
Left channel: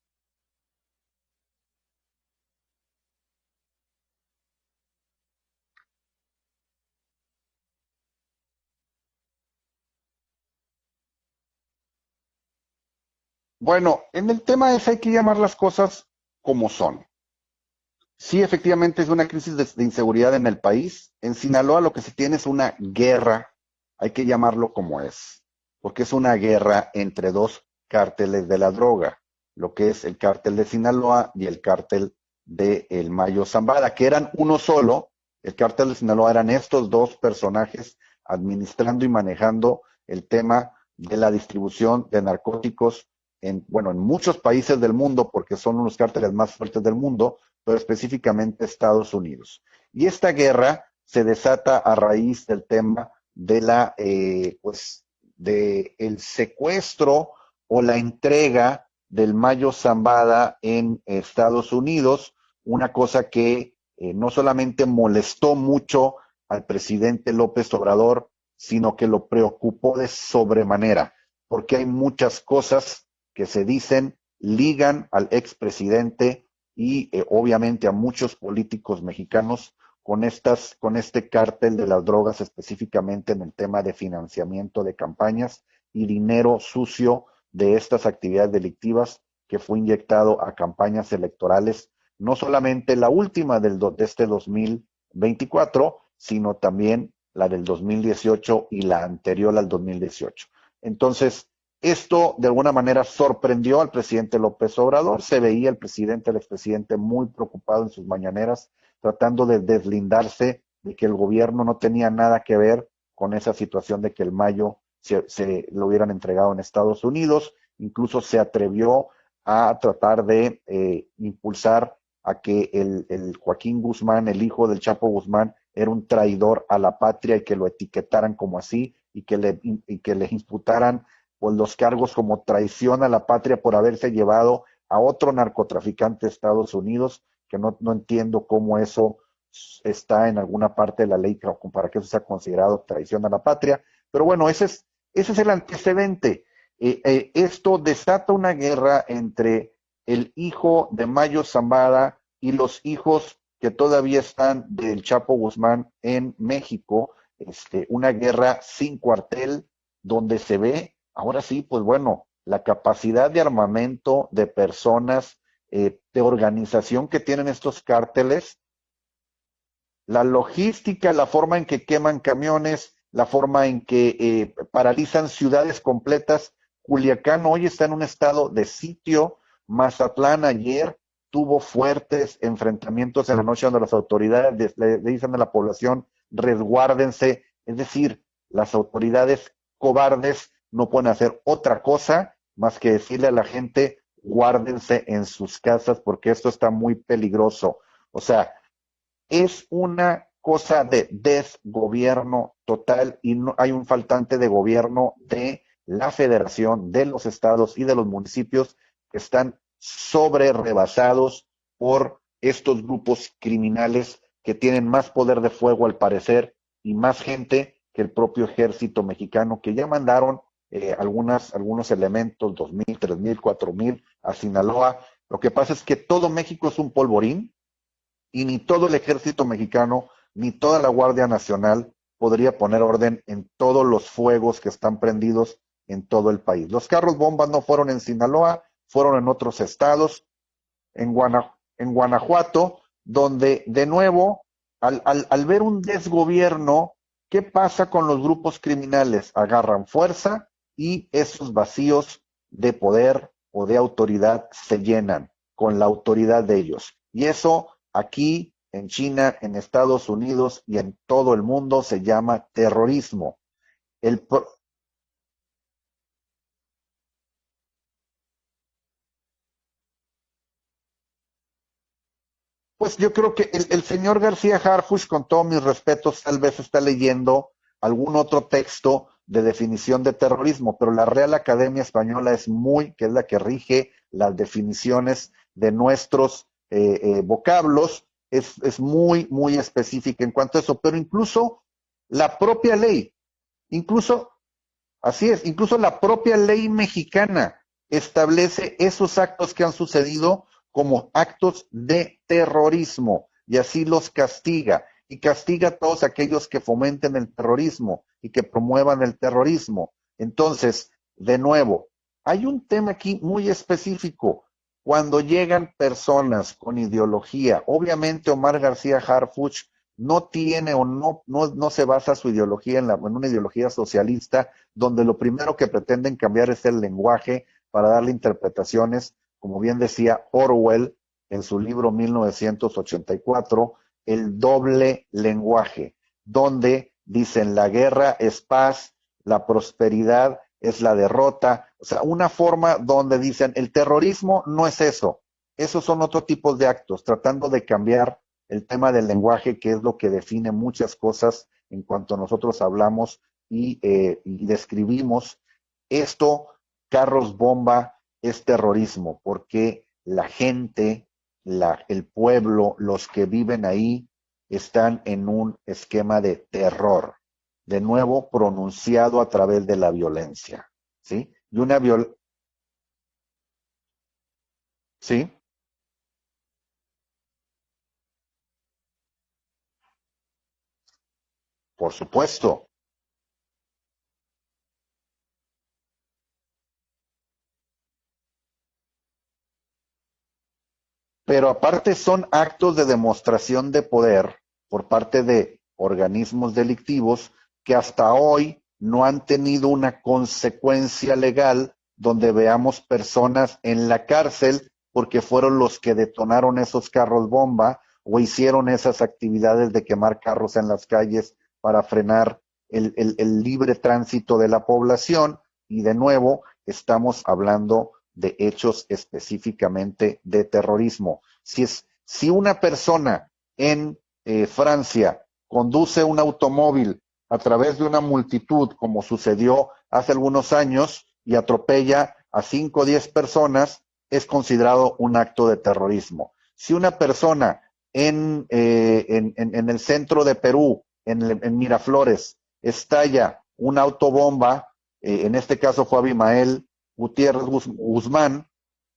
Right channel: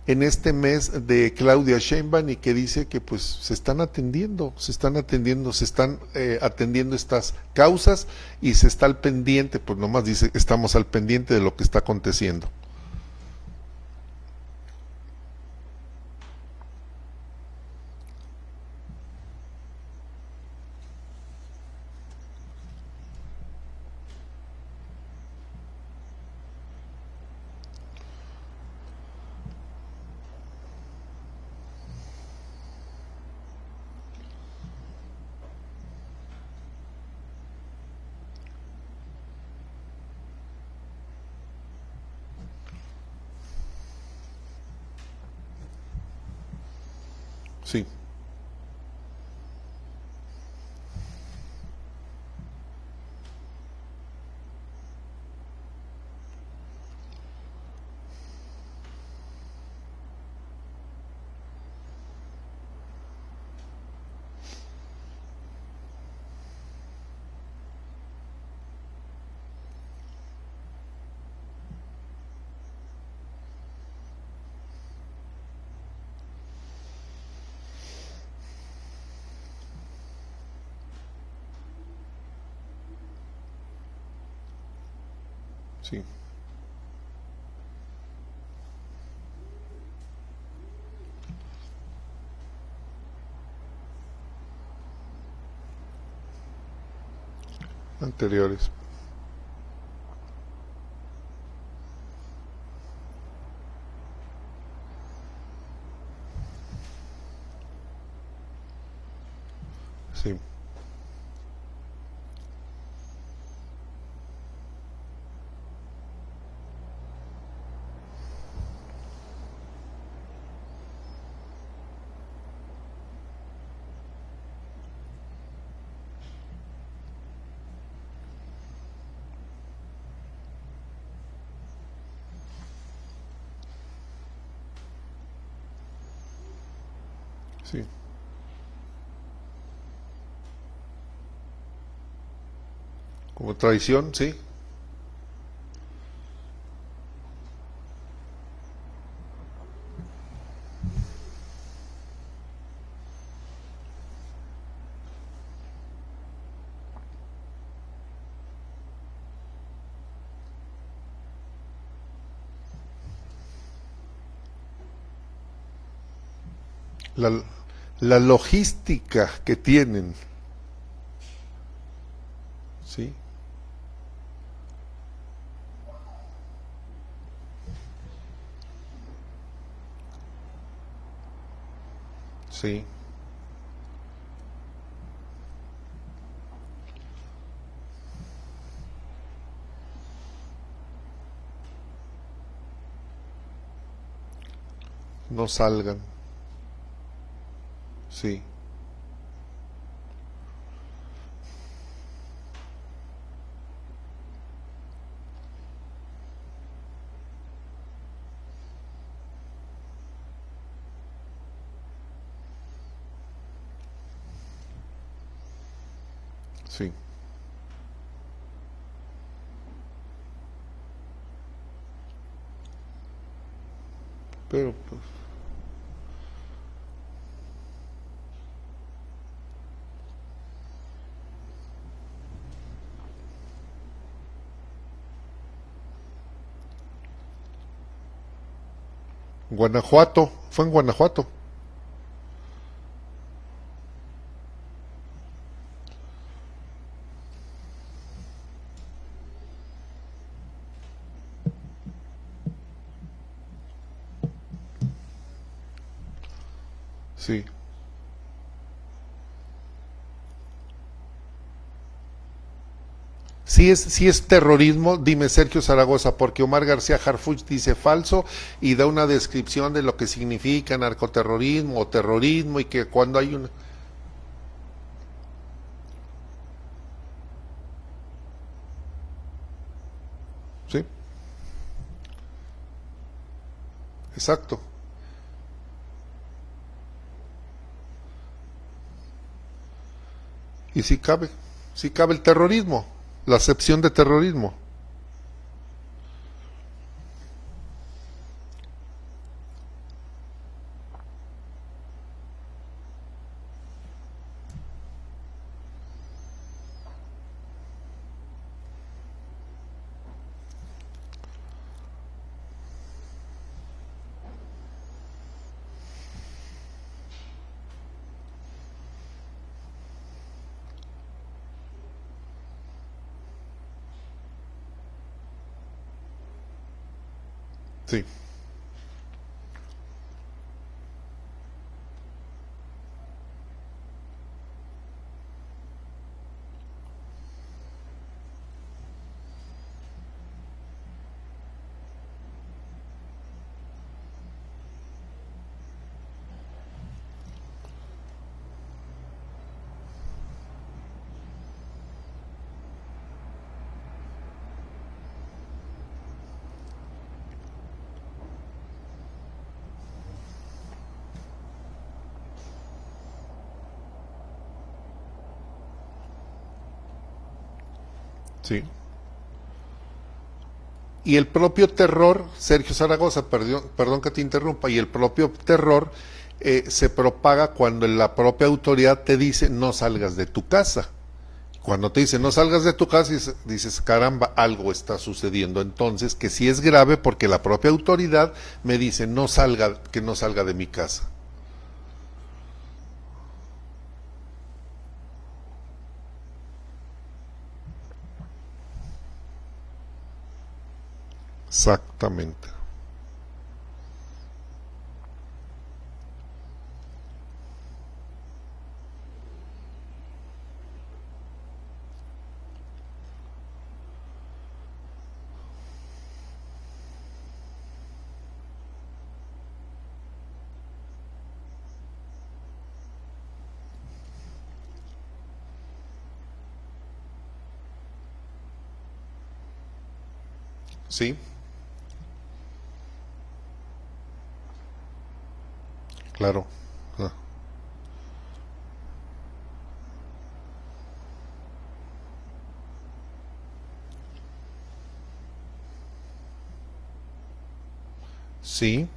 en este mes de Claudia Sheinbaum y que dice que pues se están atendiendo estas causas y se está al pendiente, pues nomás dice, estamos al pendiente de lo que está aconteciendo? Bueno, en el tema ese hay que llamar las cosas como son. Sí, efectivamente es una crisis de inseguridad en el país. En Sinaloa lo que se tiene es una guerra, hay que llamarlo como es, porque es una guerra entre dos cárteles de la droga, lo que es el cártel de Sinaloa y el cártel de El Mayo Zambada, que eran uno solo. El cártel de Sinaloa eran estos dos personajes administrando y manejando el tema de la distribución de narcóticos en muchos países del mundo, porque son unos cárteles más fuertes del mundo, pero Sí. específicamente Estados Unidos. Y esta guerra se desata a raíz del tema de de el secuestro o la entrega del Mayo Zambada en Estados Unidos, una cosa que no solamente molestó mucho al presidente López Obrador, sino que lo preocupó de sobremanera, porque hay muchas cosas que se dicen, ligan al expresidente y obviamente a muchos políticos mexicanos con este cártel de las drogas, específicamente en el tema de financiamiento de campañas y Sí. dinero sucio de estas actividades delictivas que fue inyectado a campañas electorales, no solamente la última de este 2024, sino también la del 2018 Anteriores. y la anterior al 2018. Entonces, esto de alguna manera sorprendió al presidente López Obrador. Se veía el expresidente muy preocupado en sus mañaneras, tratando de deslindarse de que el gobierno no tenía nada que ver con esa situación de que el Mayo se lo hubieran entregado en Estados Unidos. Incluso se atrevió a tratar de impulsar a que el Joaquín Guzmán, el hijo del Chapo Guzmán, era un traidor a la patria y que lo etiquetaran como así y que le imputaran pues los cargos como traición a la patria por haberse llevado a otro narcotraficante de Estados Unidos, que Sí. no entiendo cómo eso está en alguna parte de la ley para que eso sea considerado traición a la Como patria. traición, Pero sí. bueno, ese es el antecedente. Esto desata una guerra entre el hijo de Mayo Zambada y los hijos que todavía están del Chapo Guzmán en México, una guerra sin cuartel, donde se ve, ahora sí, pues bueno, la capacidad de armamento de personas, de organización que La, tienen estos la cárteles, logística que tienen. la logística, la forma en que queman camiones, Sí. la forma en que paralizan ciudades completas. Culiacán hoy está en un estado de sitio. Mazatlán ayer tuvo fuertes enfrentamientos en la noche, donde las autoridades le dicen a la población resguárdense. Es decir, las autoridades cobardes no pueden hacer otra cosa más que decirle a la gente guárdense en No sus salgan. casas porque esto está muy peligroso. O Sí. sea, es una cosa de desgobierno total y no hay un faltante de gobierno de la federación, de los estados y de los municipios que están sobre rebasados por estos grupos criminales que tienen más poder de fuego al parecer Sí. y más gente que el propio ejército mexicano, que ya mandaron algunos elementos, 2,000, 3,000, 4,000 a Sinaloa. Lo que pasa es que todo México es un polvorín y ni todo el ejército mexicano ni toda la Guardia Nacional podría poner orden en todos los fuegos que están prendidos en todo el país. Los carros bombas no fueron en Sinaloa, fueron en otros Guanajuato, estados. fue en Guanajuato. En Guanajuato, donde de nuevo, al ver un desgobierno, ¿qué pasa con los grupos criminales? Agarran fuerza y esos vacíos de poder o de autoridad se llenan con la autoridad de ellos. Y eso aquí, en China, en Estados Unidos y en todo el mundo se llama terrorismo. Sí es terrorismo, dime Sergio Zaragoza, porque Omar García Harfuch dice falso y da una descripción de lo que significa narcoterrorismo o terrorismo y que pues cuando yo creo que el señor García Harfuch, con todos mis respetos, tal vez está leyendo algún otro texto de definición de terrorismo, pero la Real Academia Española que es la que rige las definiciones de nuestros vocablos, es muy específica en cuanto a eso, pero incluso cabe el la terrorismo, propia ley, la acepción de terrorismo. Así es, incluso la propia ley mexicana establece esos actos que han sucedido como actos de terrorismo y así los castiga, y castiga a todos aquellos que fomenten el terrorismo y que promuevan el terrorismo. Entonces, de nuevo, hay un tema aquí muy específico. Cuando llegan personas con ideología, obviamente Omar García Harfuch no tiene o no se basa su ideología en una ideología socialista, donde lo primero que pretenden cambiar es el lenguaje para darle interpretaciones, como bien decía Orwell en su libro 1984, el doble lenguaje, donde dicen la guerra es paz, la prosperidad es la derrota. O sea, una forma donde dicen el terrorismo no es eso, esos son otro tipo de actos, tratando de cambiar el tema del lenguaje, que es lo que define muchas cosas en cuanto nosotros hablamos y describimos esto. Carros bomba es terrorismo, porque la gente, el pueblo, los que viven ahí, están en un esquema de terror, de nuevo pronunciado a través de la violencia. Y el propio terror, Sergio Zaragoza, perdón que te interrumpa, y el propio terror se propaga cuando la propia autoridad te dice no salgas de tu casa. Cuando te dice no salgas de tu casa, dices caramba, algo está sucediendo. Entonces, que sí es grave porque la propia autoridad me dice que no salga de mi casa. Pero aparte son actos de demostración de poder por parte de organismos delictivos que hasta hoy no han tenido una consecuencia legal donde veamos personas en la cárcel porque fueron los que detonaron esos carros bomba o hicieron esas actividades de quemar carros en las calles para frenar el libre tránsito de la población. Y de nuevo estamos hablando de hechos específicamente de terrorismo. Si una persona en Francia conduce un automóvil a través de una multitud, como sucedió hace algunos años, y atropella a 5 o 10 personas, es considerado un acto de terrorismo. Si una persona en el centro de Perú, en Miraflores, estalla una autobomba, en este caso fue Abimael Gutiérrez Guzmán,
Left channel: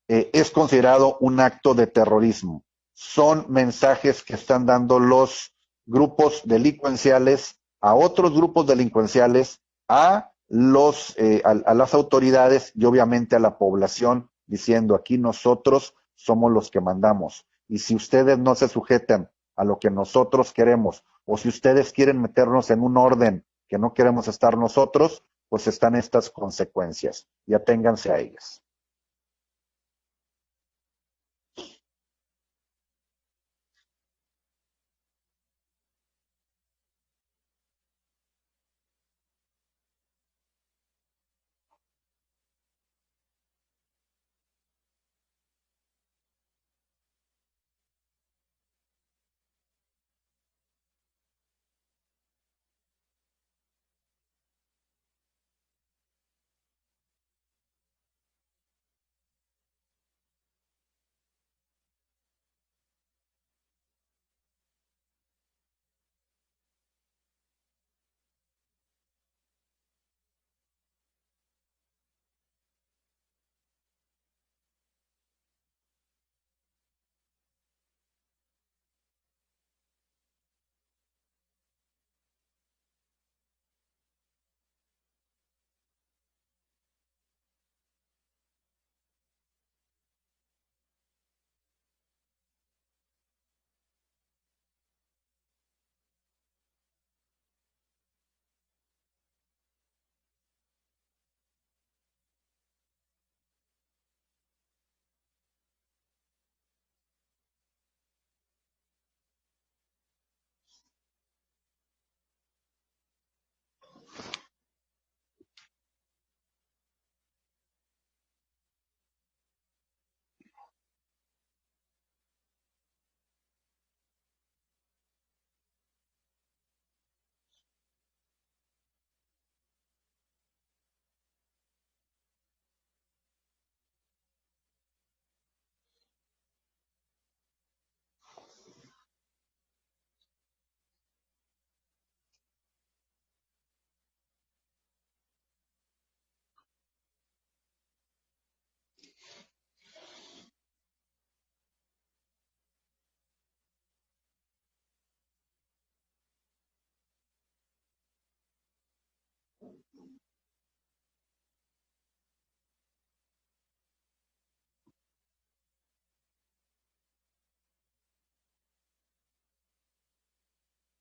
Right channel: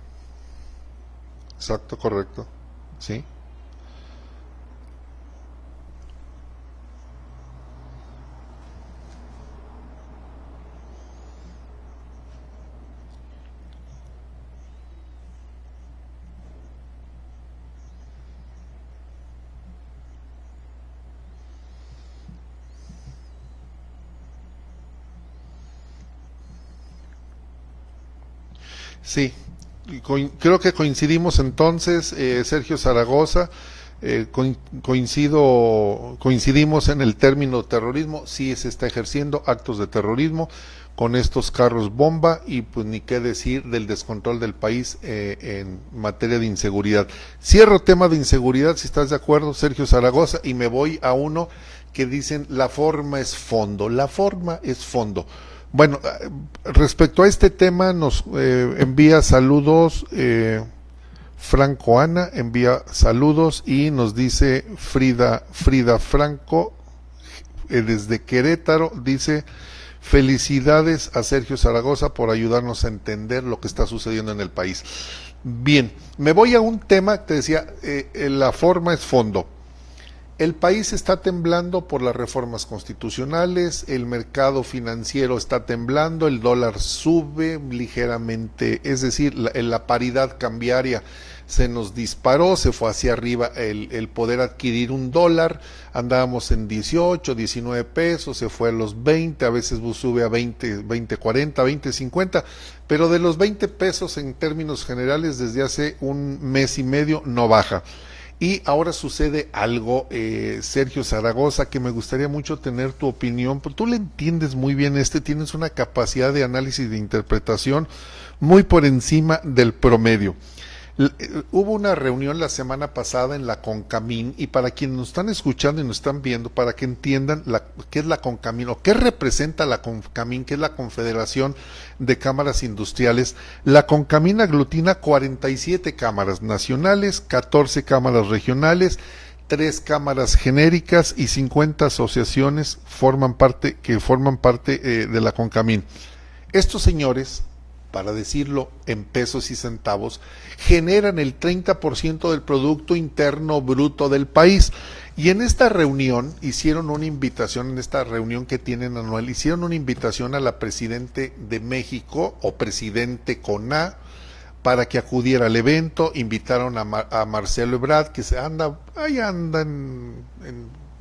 es considerado un acto de terrorismo. Son mensajes que están dando los grupos delincuenciales a otros grupos delincuenciales, a las autoridades y obviamente a la población, diciendo aquí nosotros somos los que mandamos, y si ustedes no se sujetan a lo que nosotros queremos, o si ustedes quieren meternos en un orden que no queremos estar nosotros, pues están estas consecuencias, y aténganse a ellas. Sí, creo que coincidimos entonces, Sergio Zaragoza, coincidimos en el término terrorismo. Sí se está ejerciendo actos de terrorismo con estos carros bomba, y pues ni qué decir del descontrol del país en materia de inseguridad. Cierro tema de inseguridad, si estás de acuerdo, Sergio Zaragoza, y me voy a uno que dicen la forma es fondo. La forma es fondo. Bueno, respecto a este tema nos envía saludos Franco Ana, envía saludos, y nos dice Frida Franco desde Querétaro, dice felicidades a Sergio Zaragoza por ayudarnos a entender lo que está sucediendo en el país. Bien, me voy a un tema que te decía, la forma es fondo. El país está temblando por las reformas constitucionales, el mercado financiero está temblando, el dólar sube ligeramente, es decir, la paridad cambiaria se nos disparó, se fue hacia arriba el poder adquirir un dólar, andábamos en 18, 19 pesos, se fue a los 20, a veces sube a 20, 20, 40, 20, 50, pero de los 20 pesos en términos generales desde hace un mes y medio no baja. Y ahora sucede algo, Sergio Zaragoza, que me gustaría mucho tener tu opinión, porque tú le entiendes muy bien tienes una capacidad de análisis y de interpretación muy por encima del promedio. Hubo una reunión la semana pasada en la CONCAMIN, y para quienes nos están escuchando y nos están viendo, para que entiendan qué es la CONCAMIN o qué representa la CONCAMIN, que es la Confederación de Cámaras Industriales. La CONCAMIN aglutina 47 cámaras nacionales, 14 cámaras regionales, 3 cámaras genéricas y 50 asociaciones que forman parte de la CONCAMIN. Estos señores, para decirlo en pesos y centavos, generan el 30% del Producto Interno Bruto del país. Y en esta reunión hicieron una invitación, en esta reunión que tienen anual, hicieron una invitación a la Presidente de México, o Presidente con A, para que acudiera al evento. Invitaron a Marcelo Ebrard, que anda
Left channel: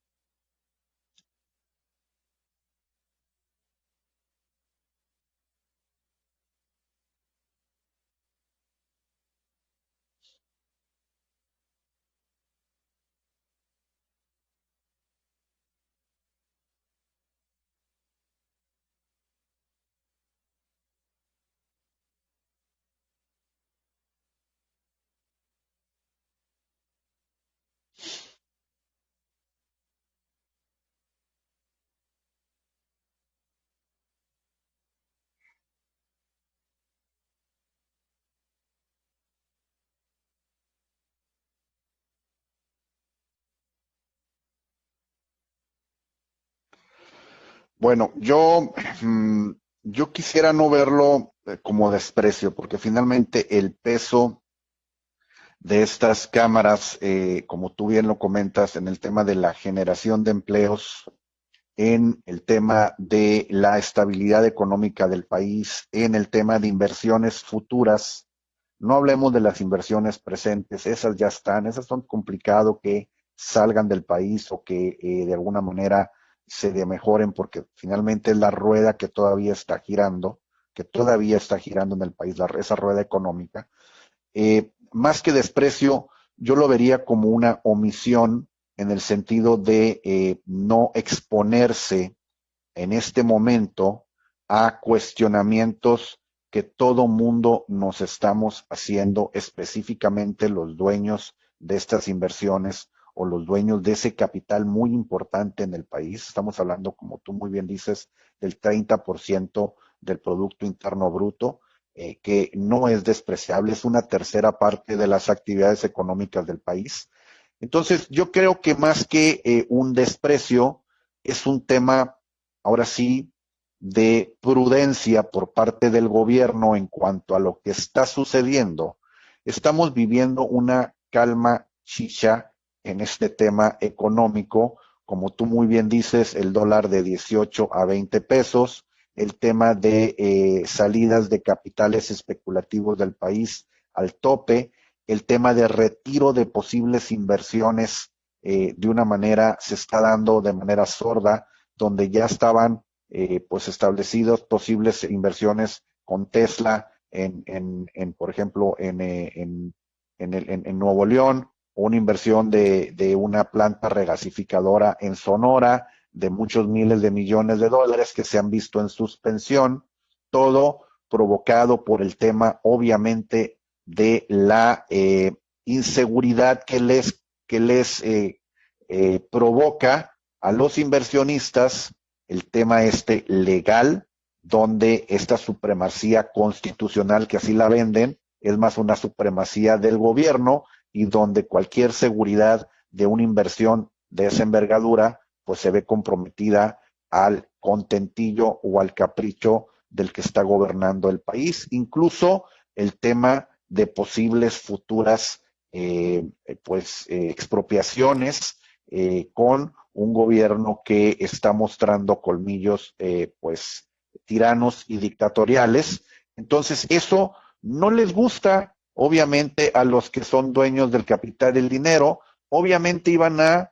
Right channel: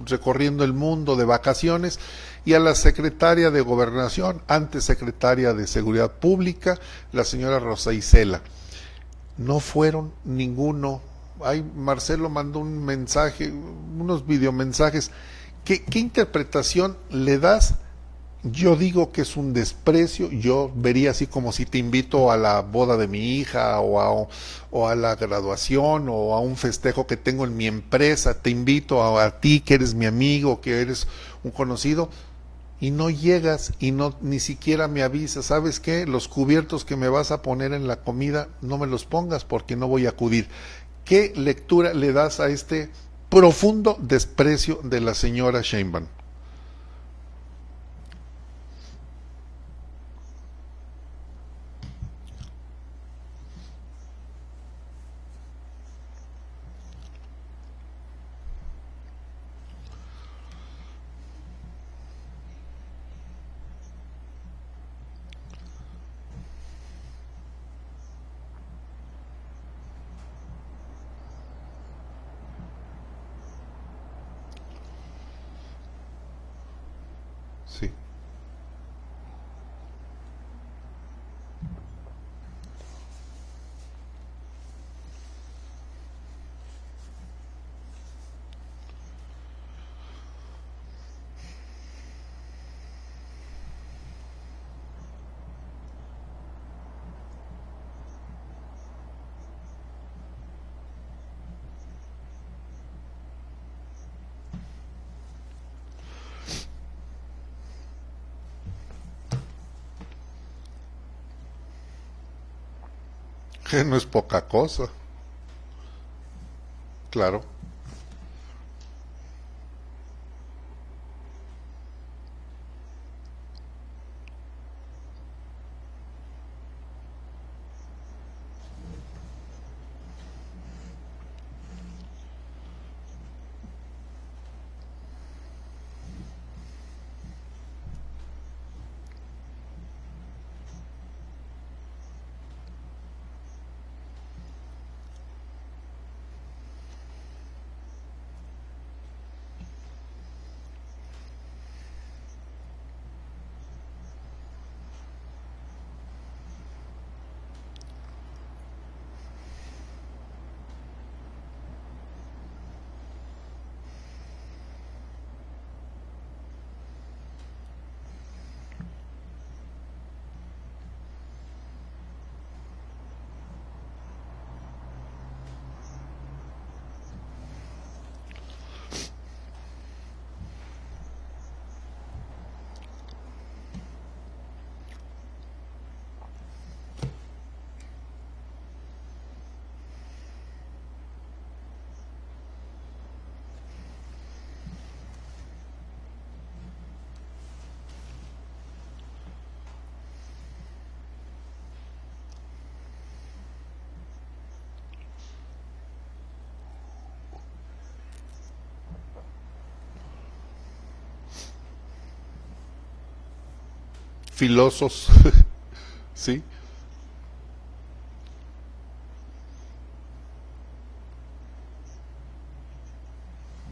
recorriendo el mundo de vacaciones, y a la secretaria de Gobernación, antes secretaria de Seguridad Pública, la señora Rosa Isela. No fueron ninguno. Marcelo mandó un mensaje, unos videomensajes. ¿Qué interpretación le das? Yo digo que es un desprecio. Yo vería así como si te invito a la boda de mi hija, o a la graduación, o a un festejo que tengo en mi empresa. Te invito a ti, que eres mi amigo, que eres un conocido, y no llegas y ni siquiera me avisas. ¿Sabes qué? Los cubiertos que me vas a poner en la comida no me los pongas porque no voy a acudir. ¿Qué lectura le das a este profundo desprecio de la señora Sheinbaum? Bueno, yo quisiera no verlo como desprecio, porque finalmente el peso de estas cámaras, como tú bien lo comentas, en el tema de la generación de empleos, en el tema de la estabilidad económica del país, en el tema de inversiones futuras. No hablemos de las inversiones presentes, esas ya están, esas son complicado que salgan del país, o que de alguna manera se mejoren, porque finalmente es la rueda que todavía está girando en el país, esa rueda económica. Más que desprecio, yo lo vería como una omisión, en el sentido de no exponerse en este momento a cuestionamientos que todo mundo nos estamos haciendo, específicamente los dueños de estas inversiones, o los dueños de ese capital muy importante en el país. Estamos hablando, como tú muy bien dices, del 30% del Producto Interno Bruto, que no es despreciable, es una tercera parte de las actividades económicas del país. Claro. Entonces, yo creo que más que un desprecio, es un tema, ahora sí, de prudencia por parte del gobierno en cuanto a lo que está sucediendo. Estamos viviendo una calma chicha en este tema económico, como tú muy bien dices, el dólar de 18 a 20 pesos, el tema de salidas de capitales especulativos del país al tope, el tema de retiro de posibles inversiones se está dando de manera sorda, donde ya estaban pues establecidos posibles inversiones con Tesla por ejemplo en Nuevo León, o una inversión de una planta regasificadora en Sonora de muchos miles de millones de dólares que se han visto en suspensión, todo provocado por el tema, obviamente, de la inseguridad que les provoca a los inversionistas el tema legal, donde esta supremacía constitucional, que así la venden, es más una supremacía del gobierno, y donde cualquier seguridad de una inversión de esa envergadura pues se ve comprometida al contentillo o al capricho del que está gobernando el país. Incluso el tema de posibles futuras expropiaciones con un gobierno que está mostrando colmillos pues tiranos Filosos. y dictatoriales. Sí. Entonces eso no les gusta, obviamente, a los que son dueños del capital y el dinero. Obviamente iban a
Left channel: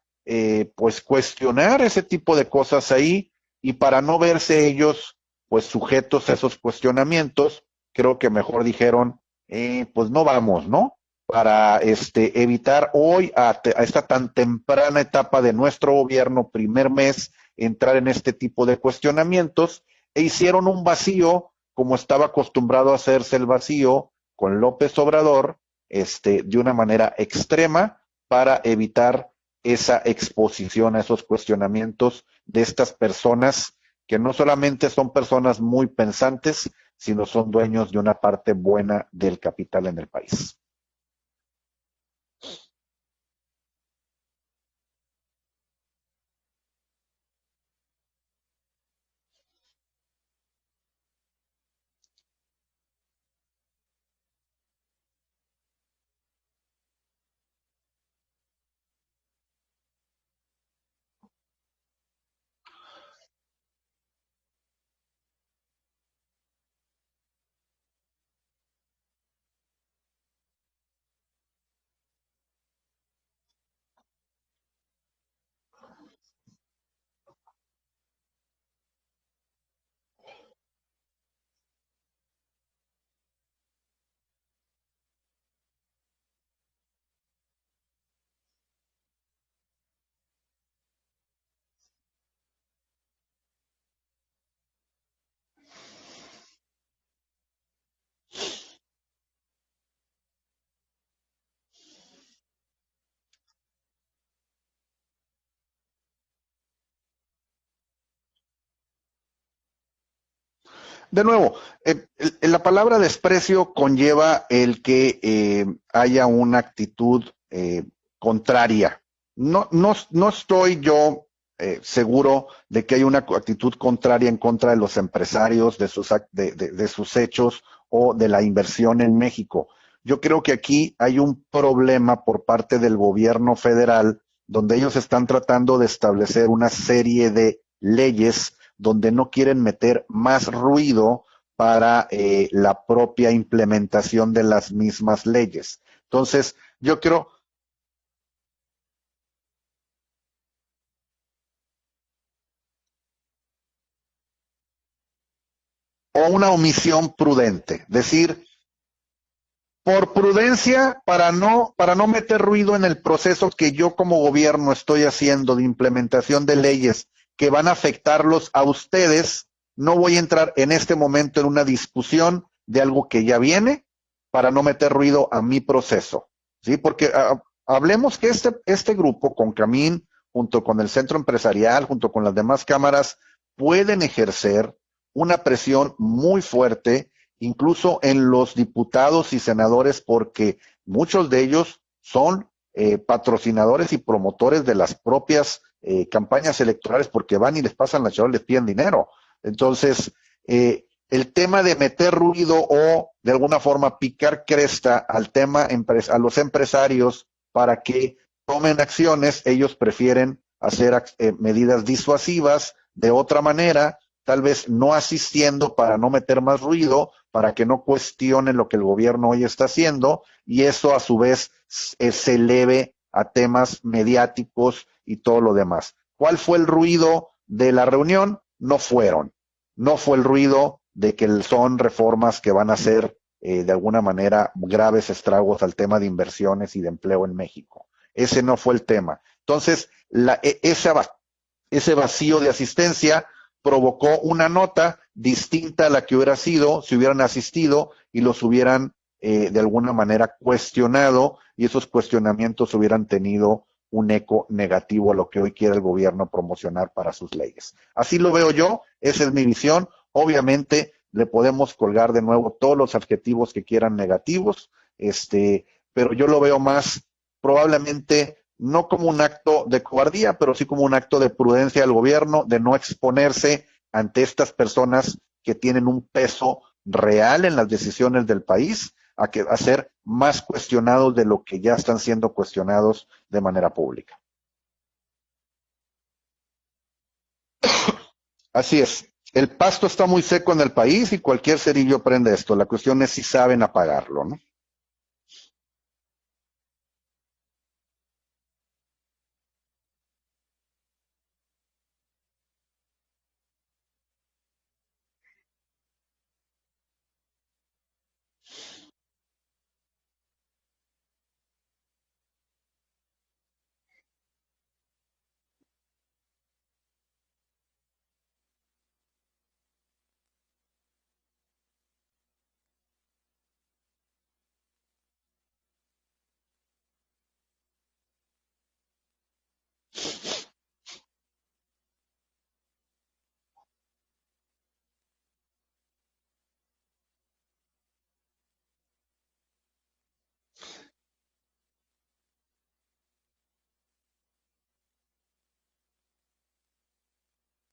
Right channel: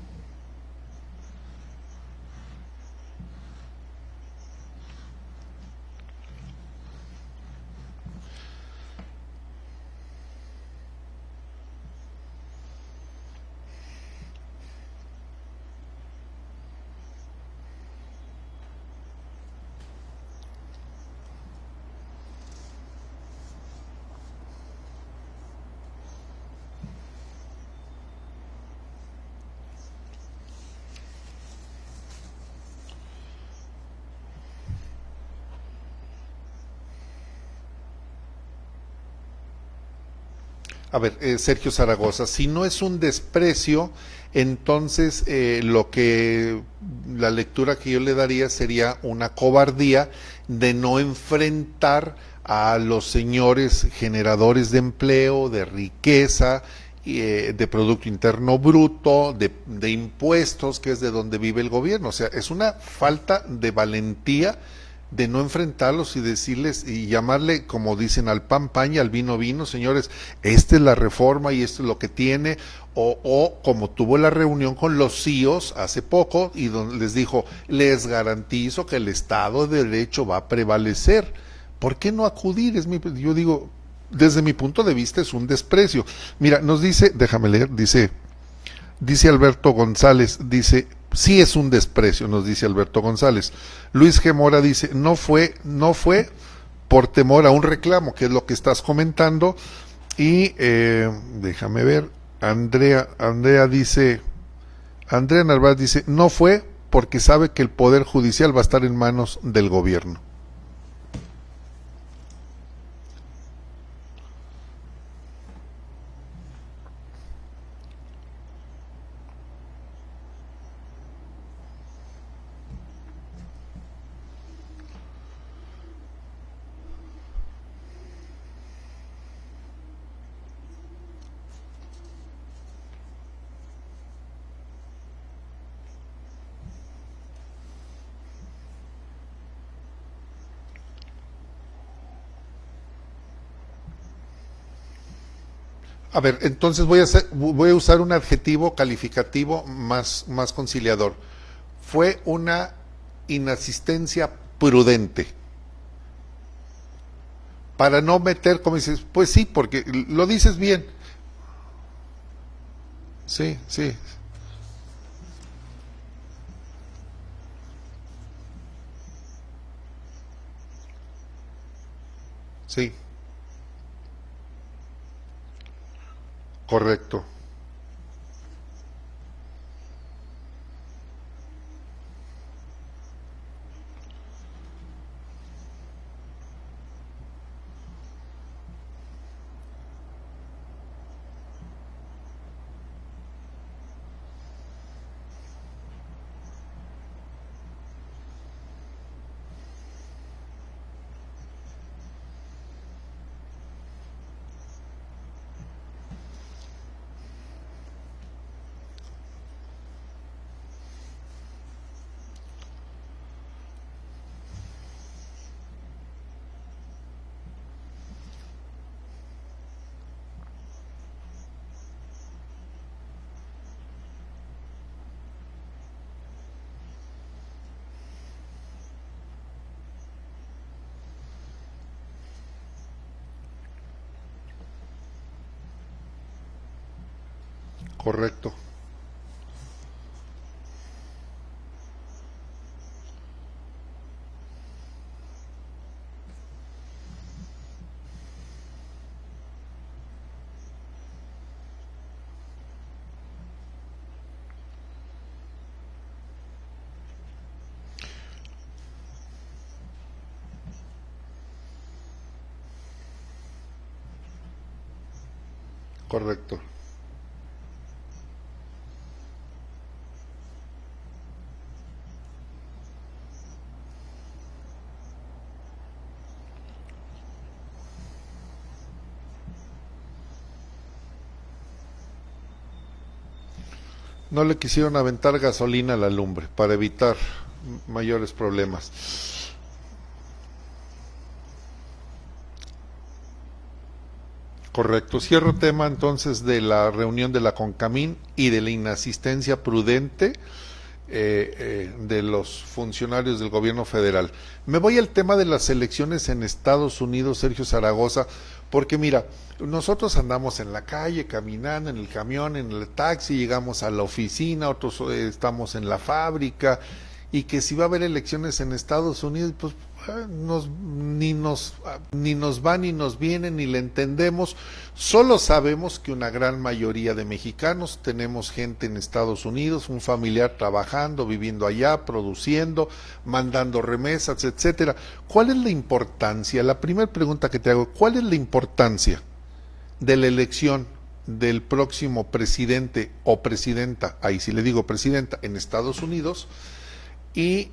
pues cuestionar ese tipo de cosas ahí, y para no verse ellos pues sujetos a esos cuestionamientos, creo que mejor dijeron pues no vamos, ¿no? Para evitar hoy a esta tan temprana etapa de nuestro gobierno, primer mes, entrar en este tipo de cuestionamientos, e hicieron un vacío como estaba acostumbrado a hacerse el vacío con López Obrador, de una manera extrema, para evitar esa exposición a esos cuestionamientos de estas personas que no solamente son personas muy pensantes, sino son dueños de una parte buena del capital en el país. A ver, Sergio Zaragoza, si no es un desprecio, entonces la lectura que yo le daría sería una cobardía de no enfrentar a los señores generadores de empleo, de riqueza, de Producto Interno Bruto, de impuestos, que es de donde vive el gobierno. O sea, es una falta de valentía de no enfrentarlos y decirles y llamarle, como dicen, al pan pan y al vino vino, señores, esta es la reforma y esto es lo que tiene, o como tuvo la reunión con los CEOs hace poco y donde les dijo, les garantizo que el Estado de Derecho va a prevalecer. ¿Por qué no acudir? Yo digo, desde mi punto de vista es un desprecio. Mira, nos dice, déjame leer, dice Alberto González, dice, sí es un desprecio, nos dice Alberto González. Luis G. Mora dice, no fue por temor a un reclamo, que es lo que estás comentando. Y déjame ver, Andrea Narváez dice, no fue porque sabe que el Poder Judicial va a estar en manos del gobierno. De nuevo, la palabra desprecio conlleva el que haya una actitud contraria. No estoy yo seguro de que haya una actitud contraria en contra de los empresarios, de sus hechos o de la inversión en México. Yo creo que aquí hay un problema por parte del gobierno federal, donde ellos están tratando de establecer una serie de leyes donde no quieren meter más ruido para la propia implementación de las mismas leyes. Entonces voy a usar un adjetivo calificativo más conciliador. Fue una inasistencia prudente. O una omisión prudente. Para no meter, como dices, pues sí, porque por prudencia, para no meter ruido en el proceso que yo como gobierno estoy haciendo de implementación de leyes que van a afectarlos a ustedes. No voy a entrar en este momento en una discusión de algo que ya viene, para no meter ruido a mi proceso. ¿Sí? Porque hablemos que este grupo, con Camín, junto con el Centro Empresarial, junto con las demás cámaras, pueden ejercer una presión muy fuerte, incluso en los diputados y senadores, porque muchos de ellos son patrocinadores y promotores de las propias campañas electorales, porque van y les pasan la charola, les piden dinero. Entonces, el tema de meter ruido o de alguna forma picar cresta al tema a los empresarios para que tomen acciones, ellos prefieren hacer medidas disuasivas de otra manera, tal vez no asistiendo para no meter más ruido, para que no cuestionen lo que el gobierno hoy está haciendo, y eso a su vez se eleve a temas mediáticos y todo lo demás. ¿Cuál fue el ruido de la reunión? No fue el ruido de que son reformas que van a hacer de alguna manera graves estragos al tema de inversiones y de empleo en México. Correcto. Ese no fue el tema. Entonces, ese vacío de asistencia provocó una nota distinta a la que hubiera sido si hubieran asistido y los hubieran de alguna manera cuestionado, y esos cuestionamientos hubieran tenido un eco negativo a lo que hoy quiere el gobierno promocionar para sus leyes. Así lo veo yo, esa es mi visión. Obviamente le podemos colgar de nuevo todos los adjetivos que quieran negativos, pero yo lo veo más probablemente no como un acto de cobardía, pero sí como un acto de prudencia del gobierno, de no exponerse ante estas personas que tienen un peso real en las decisiones del país, a ser más cuestionados de lo que ya están siendo cuestionados de manera pública. No le quisieron aventar gasolina a la lumbre para evitar mayores problemas. Así es. El pasto está muy seco en el país y cualquier cerillo prende esto. La cuestión es si saben apagarlo, ¿no? Correcto. Cierro tema entonces de la reunión de la CONCAMIN y de la inasistencia prudente de los funcionarios del gobierno federal. Me voy al tema de las elecciones en Estados Unidos, Sergio Zaragoza, porque mira, nosotros andamos en la calle, caminando, en el camión, en el taxi, llegamos a la oficina, otros estamos en la fábrica, y que si va a haber elecciones en Estados Unidos, pues ni nos va ni nos viene, ni le entendemos. Solo sabemos que una gran mayoría de mexicanos tenemos gente en Estados Unidos, un familiar trabajando, viviendo allá, produciendo, mandando remesas, etcétera. ¿Cuál es la importancia? La primera pregunta que te hago, ¿cuál es la importancia de la elección del próximo presidente o presidenta, ahí sí le digo presidenta, en Estados Unidos? ¿Y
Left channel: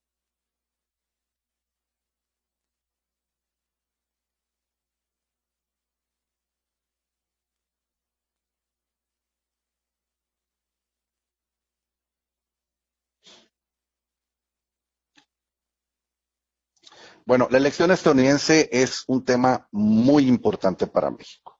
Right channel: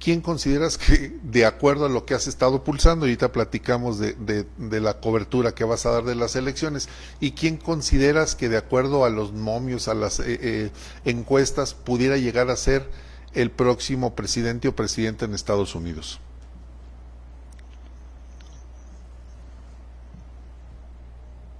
quién consideras que, de acuerdo a lo que has estado pulsando, ahorita platicamos de la cobertura que vas a dar de las elecciones, y quién consideras que, de acuerdo a los momios, a las encuestas, pudiera llegar a ser el próximo presidente o presidenta en Estados Unidos? Bueno, la elección estadounidense es un tema muy importante para México.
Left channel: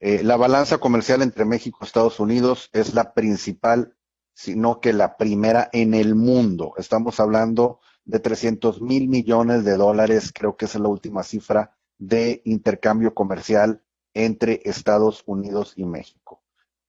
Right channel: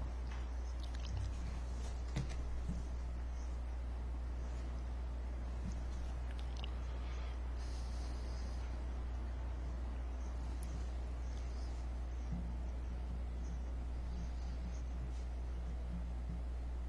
La balanza comercial entre México y Estados Unidos es la principal, sino que la primera en el mundo. Estamos hablando de 300 mil millones de dólares, creo que esa es la última cifra de intercambio comercial entre Estados Unidos y México.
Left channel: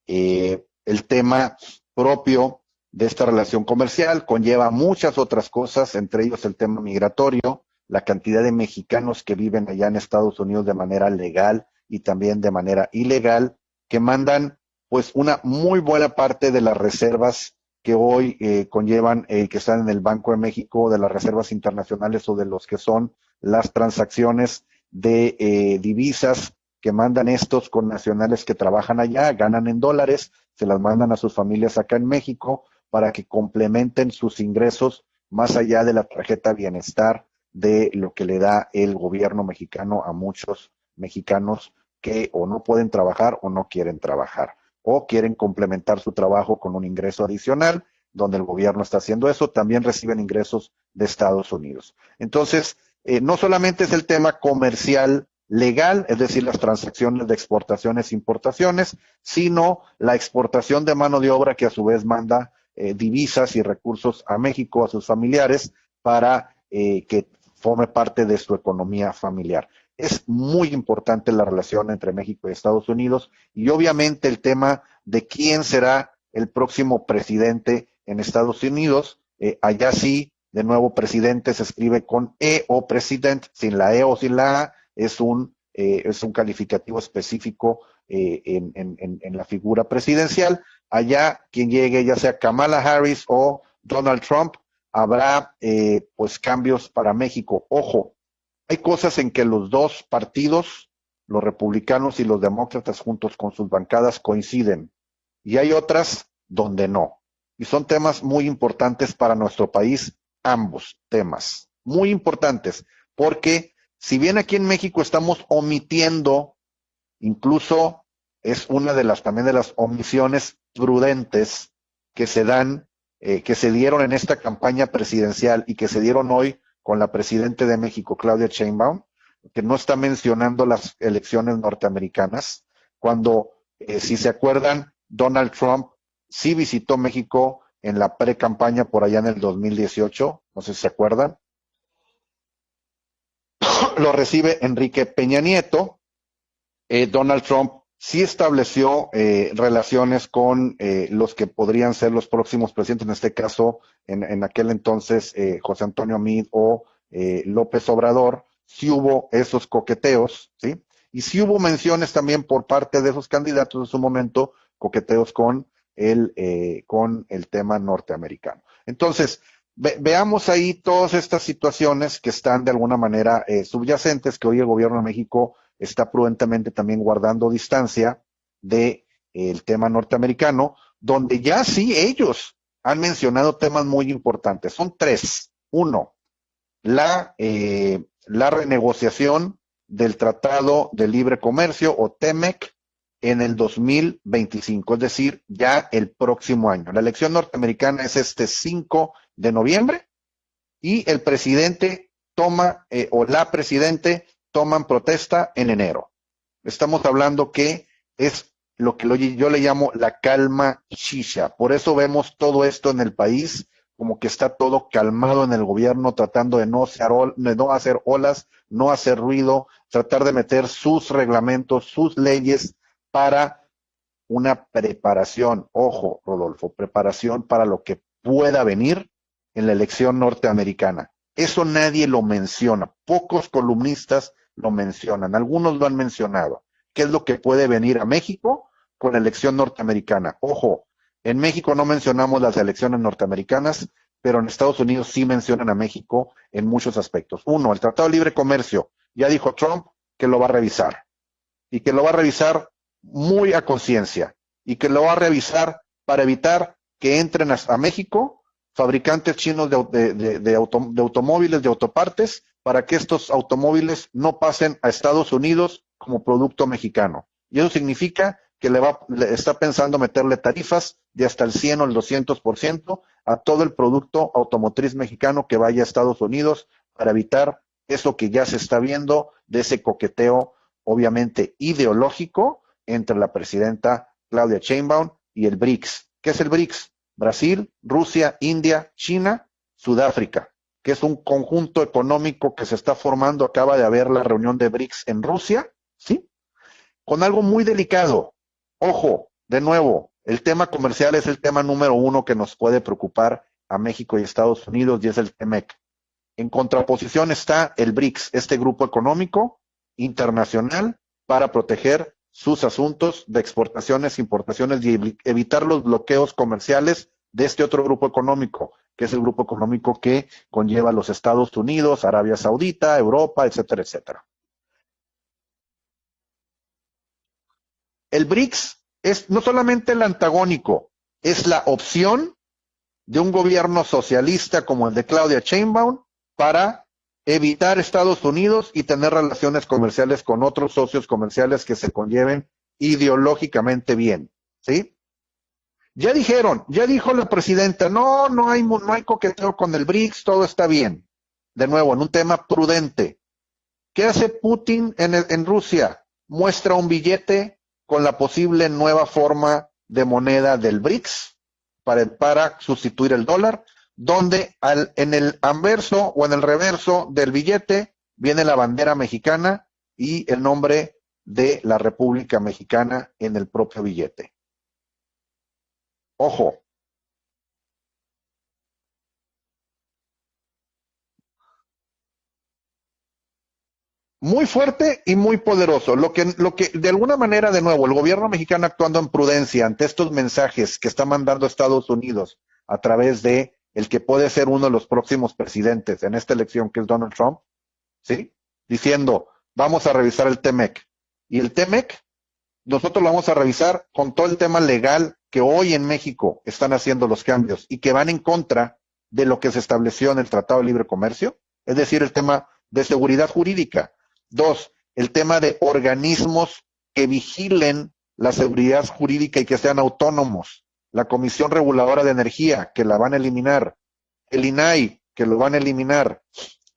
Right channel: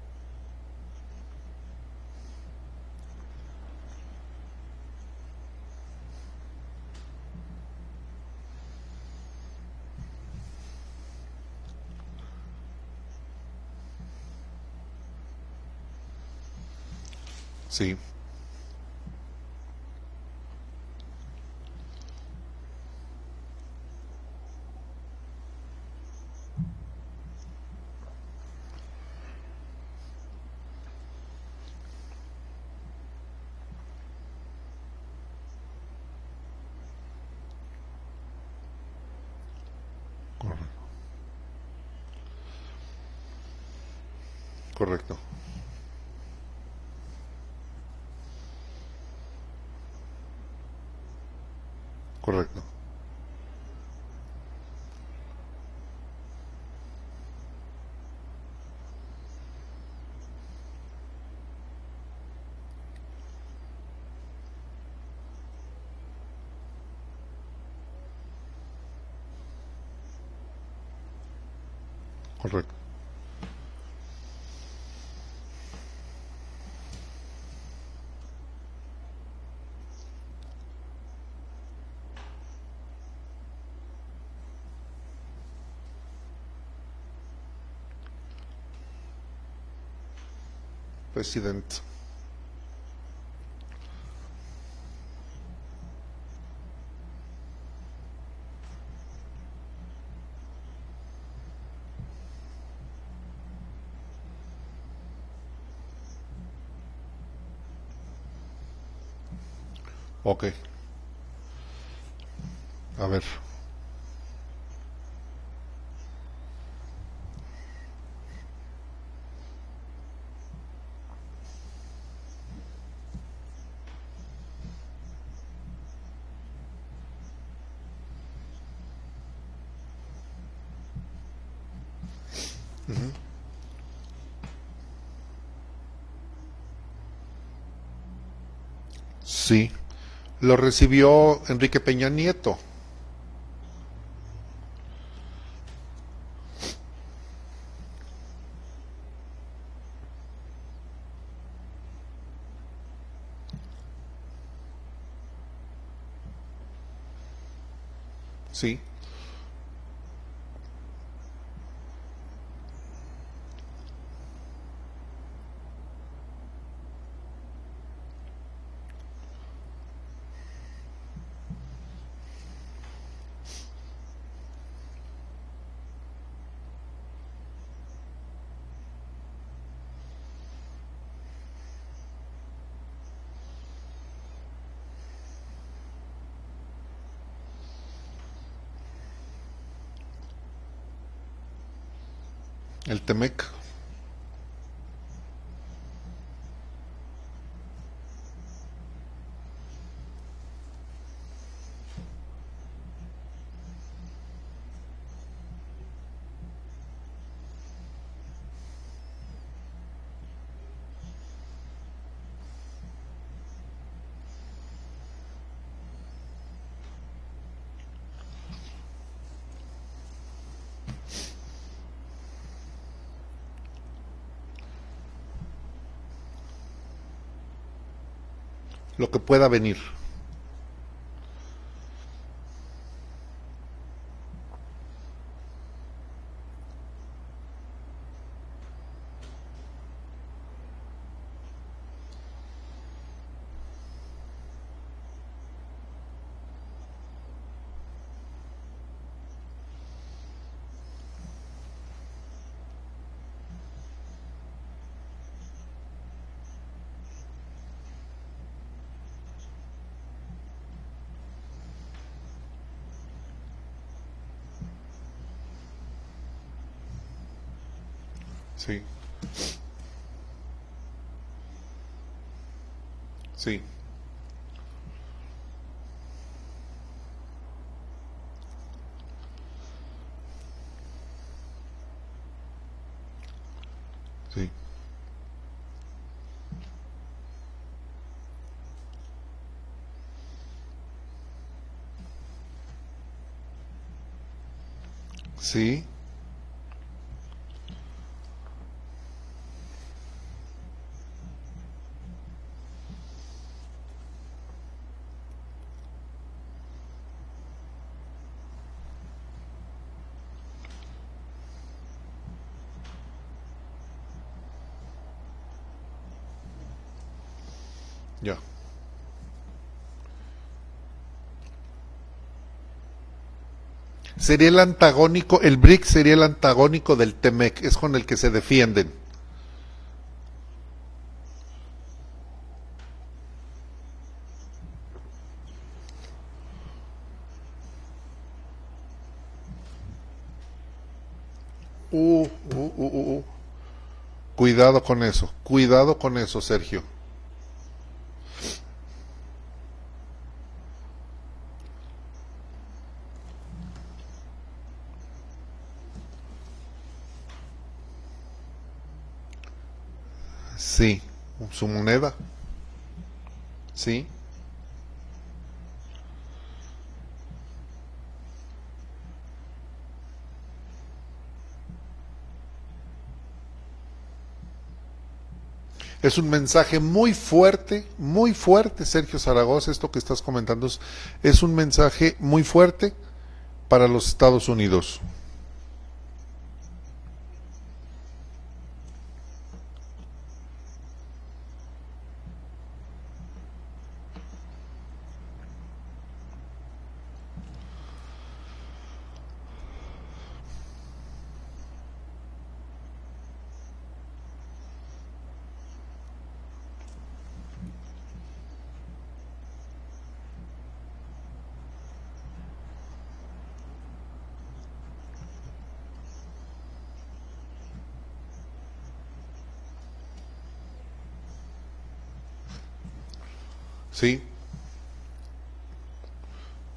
El tema propio de esta relación comercial conlleva muchas otras cosas, entre ellos el tema migratorio, la cantidad de mexicanos que viven allá en Estados Unidos de manera legal y también de manera ilegal, que mandan pues una muy buena parte de las reservas que hoy conllevan, que están en el Banco de México, de las reservas internacionales o de los que son las transacciones de divisas que mandan estos con nacionales que trabajan allá, ganan en dólares, se las mandan a sus familias acá en México para que complementen sus ingresos más allá de la tarjeta bienestar de lo que le da el gobierno mexicano a muchos mexicanos que o no pueden trabajar o no quieren trabajar. Correcto. O quieren complementar su trabajo con un ingreso adicional, donde el gobierno está haciendo eso, también reciben ingresos de Estados Unidos. Entonces, no solamente es el tema comercial legal, es decir, las transacciones de exportaciones e importaciones, sino la exportación de mano de obra que a su vez manda divisas y recursos a México, a sus familiares, para que forme parte de su economía familiar. Es muy importante la relación entre México y Estados Unidos, y obviamente el tema de quién será el próximo presidente en Estados Unidos. Allá sí, de nuevo, presidente se escribe con E o president, sin la E o sin la A, es un calificativo específico en la figura presidencial. Allá, quien llegue, ya sea Kamala Harris o Donald Trump, habrá pues cambios para México. Ojo, hay cosas en que los dos partidos, los republicanos y los demócratas juntos con sus bancadas, coinciden, y hay otras donde no. Y son temas muy importantes para nuestro país, ambos temas, muy importantes, porque si bien aquí en México estamos omitiendo, incluso es una de las también de las omisiones prudentes que se dan, que se dieron en esta campaña presidencial y que se dieron hoy con la presidenta de México, Claudia Sheinbaum, que no está mencionando las elecciones norteamericanas, cuando, si se acuerdan, Donald Trump sí visitó México en la pre-campaña por allá en el 2018. Lo recibió Enrique Peña Nieto. Lo recibe Enrique Peña Nieto. Donald Trump sí estableció relaciones con los que podrían ser los próximos presidentes, en este caso, en aquel entonces, José Antonio Meade o López Obrador. Sí hubo esos coqueteos, ¿sí? Y sí hubo menciones también por parte de esos candidatos en su momento, coqueteos con el tema norteamericano. Entonces, veamos ahí todas estas situaciones que están de alguna manera subyacentes, que hoy el gobierno de México está prudentemente también guardando distancia de el tema norteamericano, donde ya sí ellos han mencionado temas muy importantes. Son tres. Uno, la renegociación del Tratado de Libre Comercio o TEMEC, El TEMEC. en el 2025, es decir, ya el próximo año. La elección norteamericana es este 5 de noviembre y el presidente o la presidente toman protesta en enero. Estamos hablando que es lo que yo le llamo la calma shisha. Por eso vemos todo esto en el país, como que está todo calmado en el gobierno, tratando de no hacer olas, no hacer ruido, tratar de meter sus reglamentos, sus leyes para una preparación, ojo, Rodolfo, preparación para lo que pueda venir, en la elección norteamericana. Eso nadie lo menciona, pocos columnistas lo mencionan, algunos lo han mencionado. ¿Qué es lo que puede venir a México con la elección norteamericana? Ojo, en México no mencionamos las elecciones norteamericanas, pero en Estados Unidos sí mencionan a México en muchos aspectos. Uno, el Tratado de Libre Comercio, ya dijo Trump que lo va a revisar, y que lo va a revisar muy a conciencia, y que lo va a revisar para evitar que entren a México fabricantes chinos de automóviles, de autopartes, para que estos automóviles no pasen a Estados Unidos como producto mexicano. Y eso significa que le está pensando meterle tarifas de hasta el 100 o el 200% a todo el producto automotriz mexicano que vaya a Estados Unidos, para evitar eso que ya se está viendo, de ese coqueteo obviamente ideológico entre la presidenta Claudia Sheinbaum y el BRICS. ¿Qué es el BRICS? Brasil, Rusia, India, China, Sudáfrica, que es un conjunto económico que se está formando. Acaba de haber la reunión de BRICS en Rusia, ¿sí? Con algo muy delicado. Ojo, de nuevo, el tema comercial es el tema número uno que nos puede preocupar a México y Estados Unidos, y es el TEMEC. En contraposición está el BRICS, este grupo económico internacional para proteger sus asuntos de exportaciones, importaciones y evitar los bloqueos comerciales de este otro grupo económico, que es el grupo económico que conlleva a los Estados Unidos, Arabia Saudita, Europa, etcétera, etcétera. Sería el antagónico, el BRICS sería el antagónico del TEMEC, es con el que se BRICS defienden. Es no solamente el antagónico, es la opción de un gobierno socialista como el de Claudia Sheinbaum para evitar Estados Unidos y tener relaciones comerciales con otros socios comerciales que se conlleven ideológicamente bien. Cuidado, ¿sí? con eso, cuidado con ya eso, dijeron, Sergio. Ya dijo la presidenta, no hay coqueteo con el BRICS, todo está bien. De nuevo, en un tema prudente. ¿Qué hace Putin en Rusia? Muestra un billete con la posible nueva forma de moneda del BRICS, su moneda, para sustituir el dólar, donde en el anverso o en el reverso del billete viene la bandera mexicana y el nombre de la República Mexicana en el propio billete. Es un mensaje muy fuerte, Sergio Zaragoza, esto que estás comentando es un mensaje muy fuerte para los Estados Unidos. Muy fuerte y muy poderoso. Lo que de alguna manera, de nuevo, el gobierno mexicano actuando en prudencia ante estos mensajes que está mandando Estados Unidos a través de el que puede ser uno de los próximos presidentes en esta elección, que es Donald Trump, ¿sí? Diciendo, vamos a revisar el TEMEC. Y el TEMEC, nosotros lo vamos a revisar con todo el tema legal que hoy en México están haciendo los cambios y que van en contra de lo que se estableció en el Tratado de Libre Comercio, es decir, el tema de seguridad jurídica. 2, el tema de organismos que vigilen la seguridad jurídica y que sean autónomos. La Comisión Reguladora de Energía, que la van a eliminar. Sí. El INAI, que lo van a eliminar.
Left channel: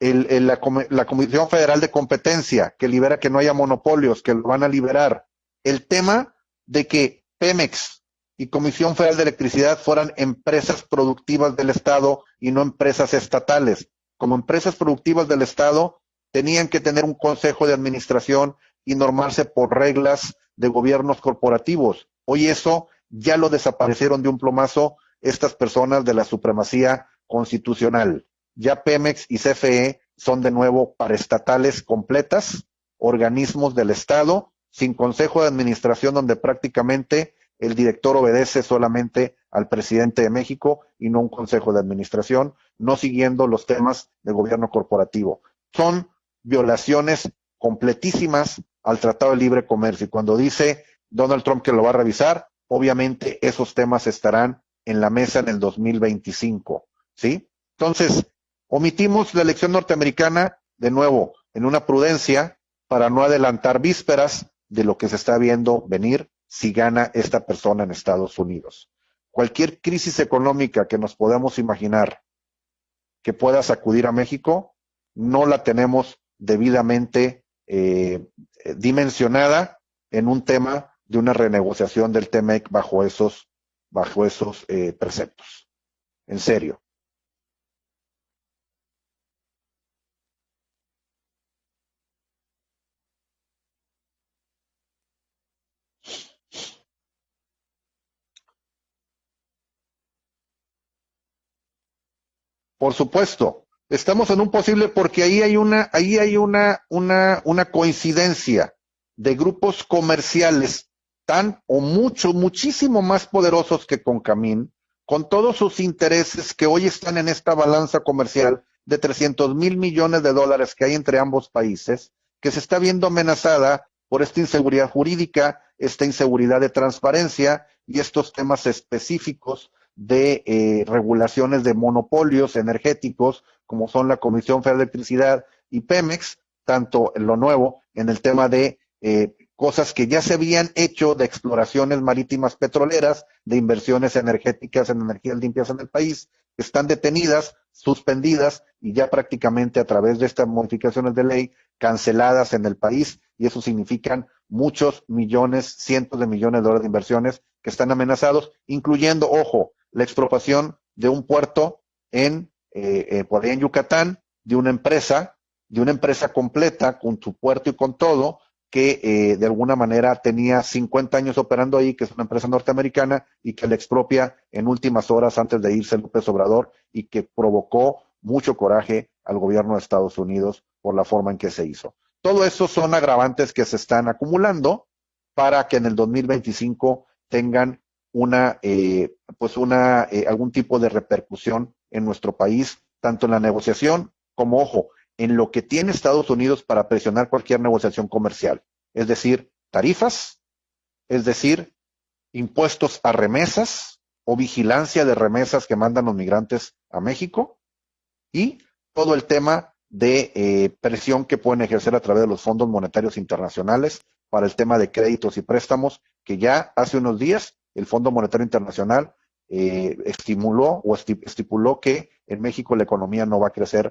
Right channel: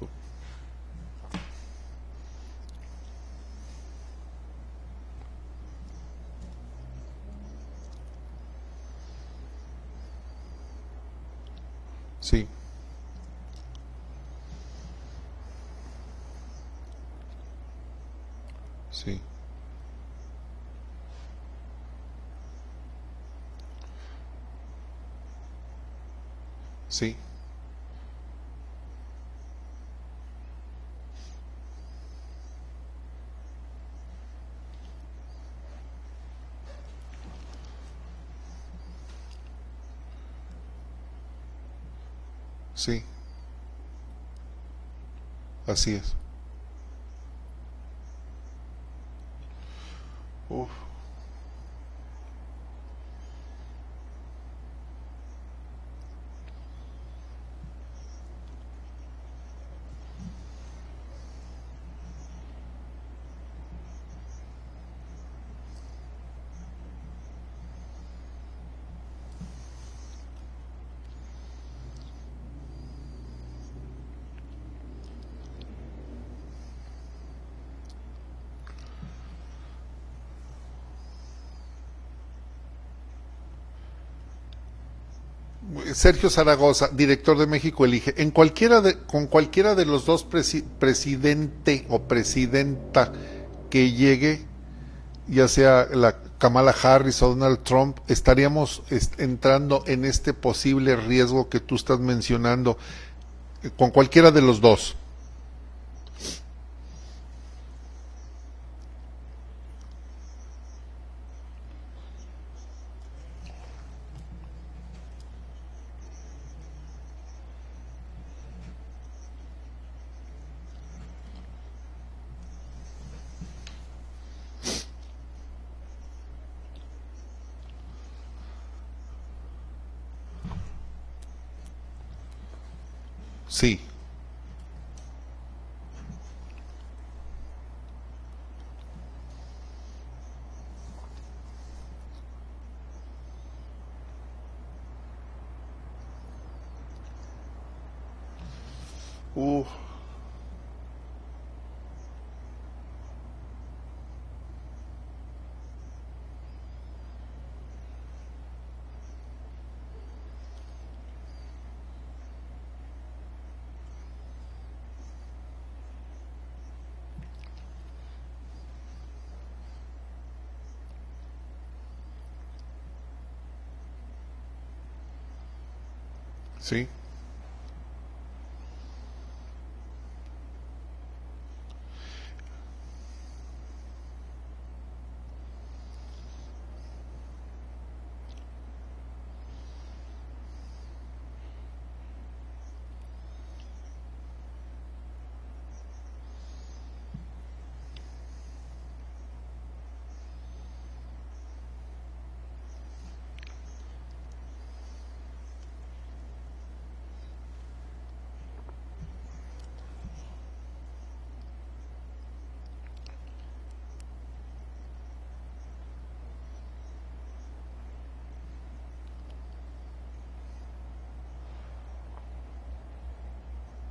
La Comisión Federal de Competencia, que libera que no haya monopolios, que lo van a liberar. El tema de que Pemex y Comisión Federal de Electricidad fueran empresas productivas del Estado y no empresas estatales. Como empresas productivas del Estado, tenían que tener un consejo de administración y normarse por reglas de gobiernos corporativos. Hoy eso ya lo desaparecieron de un plumazo estas personas de la supremacía constitucional. Ya Pemex y CFE son de nuevo paraestatales completas, organismos del Estado, sin consejo de administración, donde prácticamente el director obedece solamente al presidente de México y no un consejo de administración, no siguiendo los temas de gobierno corporativo. Son violaciones completísimas al Tratado de Libre Comercio. Y cuando dice Donald Trump que lo va a revisar, obviamente esos temas estarán en la mesa en el 2025, ¿sí? Entonces, omitimos la elección norteamericana, de nuevo, en una prudencia, para no adelantar vísperas de lo que se está viendo venir si gana esta persona en Estados Unidos. Cualquier crisis económica que nos podamos imaginar que pueda sacudir a México, no la tenemos debidamente dimensionada en un tema de una renegociación del TEMEC bajo esos preceptos. Sergio Zaragoza, director de México Elige, con cualquiera de los dos presidente o presidenta que llegue, ya sea la Kamala Harris o Donald Trump, estaríamos entrando en este posible riesgo que tú estás mencionando. Por supuesto. Con cualquiera de los dos. Porque ahí hay una coincidencia de grupos comerciales muchísimo más poderosos que Concamín, con todos sus intereses que hoy están en esta balanza comercial de 300,000 millones de dólares que hay entre ambos países, que se está viendo amenazada por esta inseguridad jurídica, esta inseguridad de transparencia y estos temas específicos de regulaciones de monopolios energéticos, sí, como son la Comisión Federal de Electricidad y Pemex, tanto en lo nuevo, en el tema de cosas que ya se habían hecho de exploraciones marítimas petroleras, de inversiones energéticas en energías limpias en el país, que están detenidas, suspendidas y ya prácticamente a través de estas modificaciones de ley canceladas en el país, y eso significan muchos millones, cientos de millones de dólares de inversiones que están amenazados, incluyendo, ojo, la expropiación de un puerto por ahí en Yucatán, de una empresa completa con su puerto y con todo, que de alguna manera tenía 50 años operando ahí, que es una empresa norteamericana, y que le expropia en últimas horas antes de irse López Obrador, sí, y que provocó mucho coraje al gobierno de Estados Unidos por la forma en que se hizo. Todo eso son agravantes que se están acumulando para que en el 2025 tengan algún tipo de repercusión en nuestro país, tanto en la negociación como, ojo, en lo que tiene Estados Unidos para presionar cualquier negociación comercial, es decir, tarifas, es decir, impuestos a remesas o vigilancia de remesas que mandan los migrantes a México, y todo el tema de presión que pueden ejercer a través de los fondos monetarios internacionales para el tema de créditos y préstamos, que ya hace unos días el Fondo Monetario Internacional estipuló que en México la economía no va a crecer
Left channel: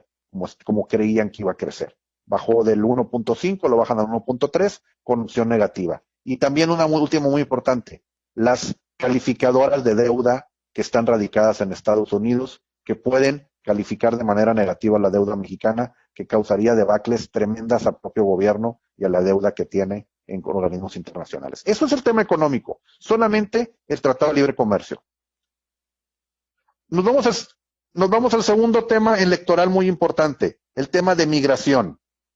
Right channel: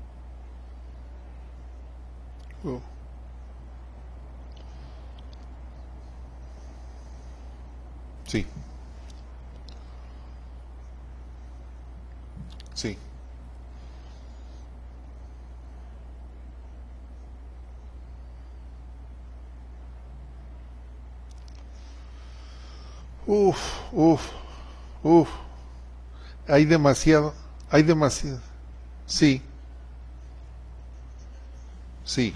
como creían que iba a crecer. Bajó del 1.5, lo bajan al 1.3 con opción negativa. Y también una última muy importante, sí, las calificadoras de deuda que están radicadas en Estados Unidos, sí, que pueden calificar de manera negativa la deuda mexicana, que causaría debacles tremendas al propio gobierno y a la deuda que tiene en organismos internacionales. Eso es el tema económico, solamente el Tratado de Libre Comercio. Hay demasiado. Nos vamos al segundo tema, sí, electoral muy importante, el tema de migración. Sí.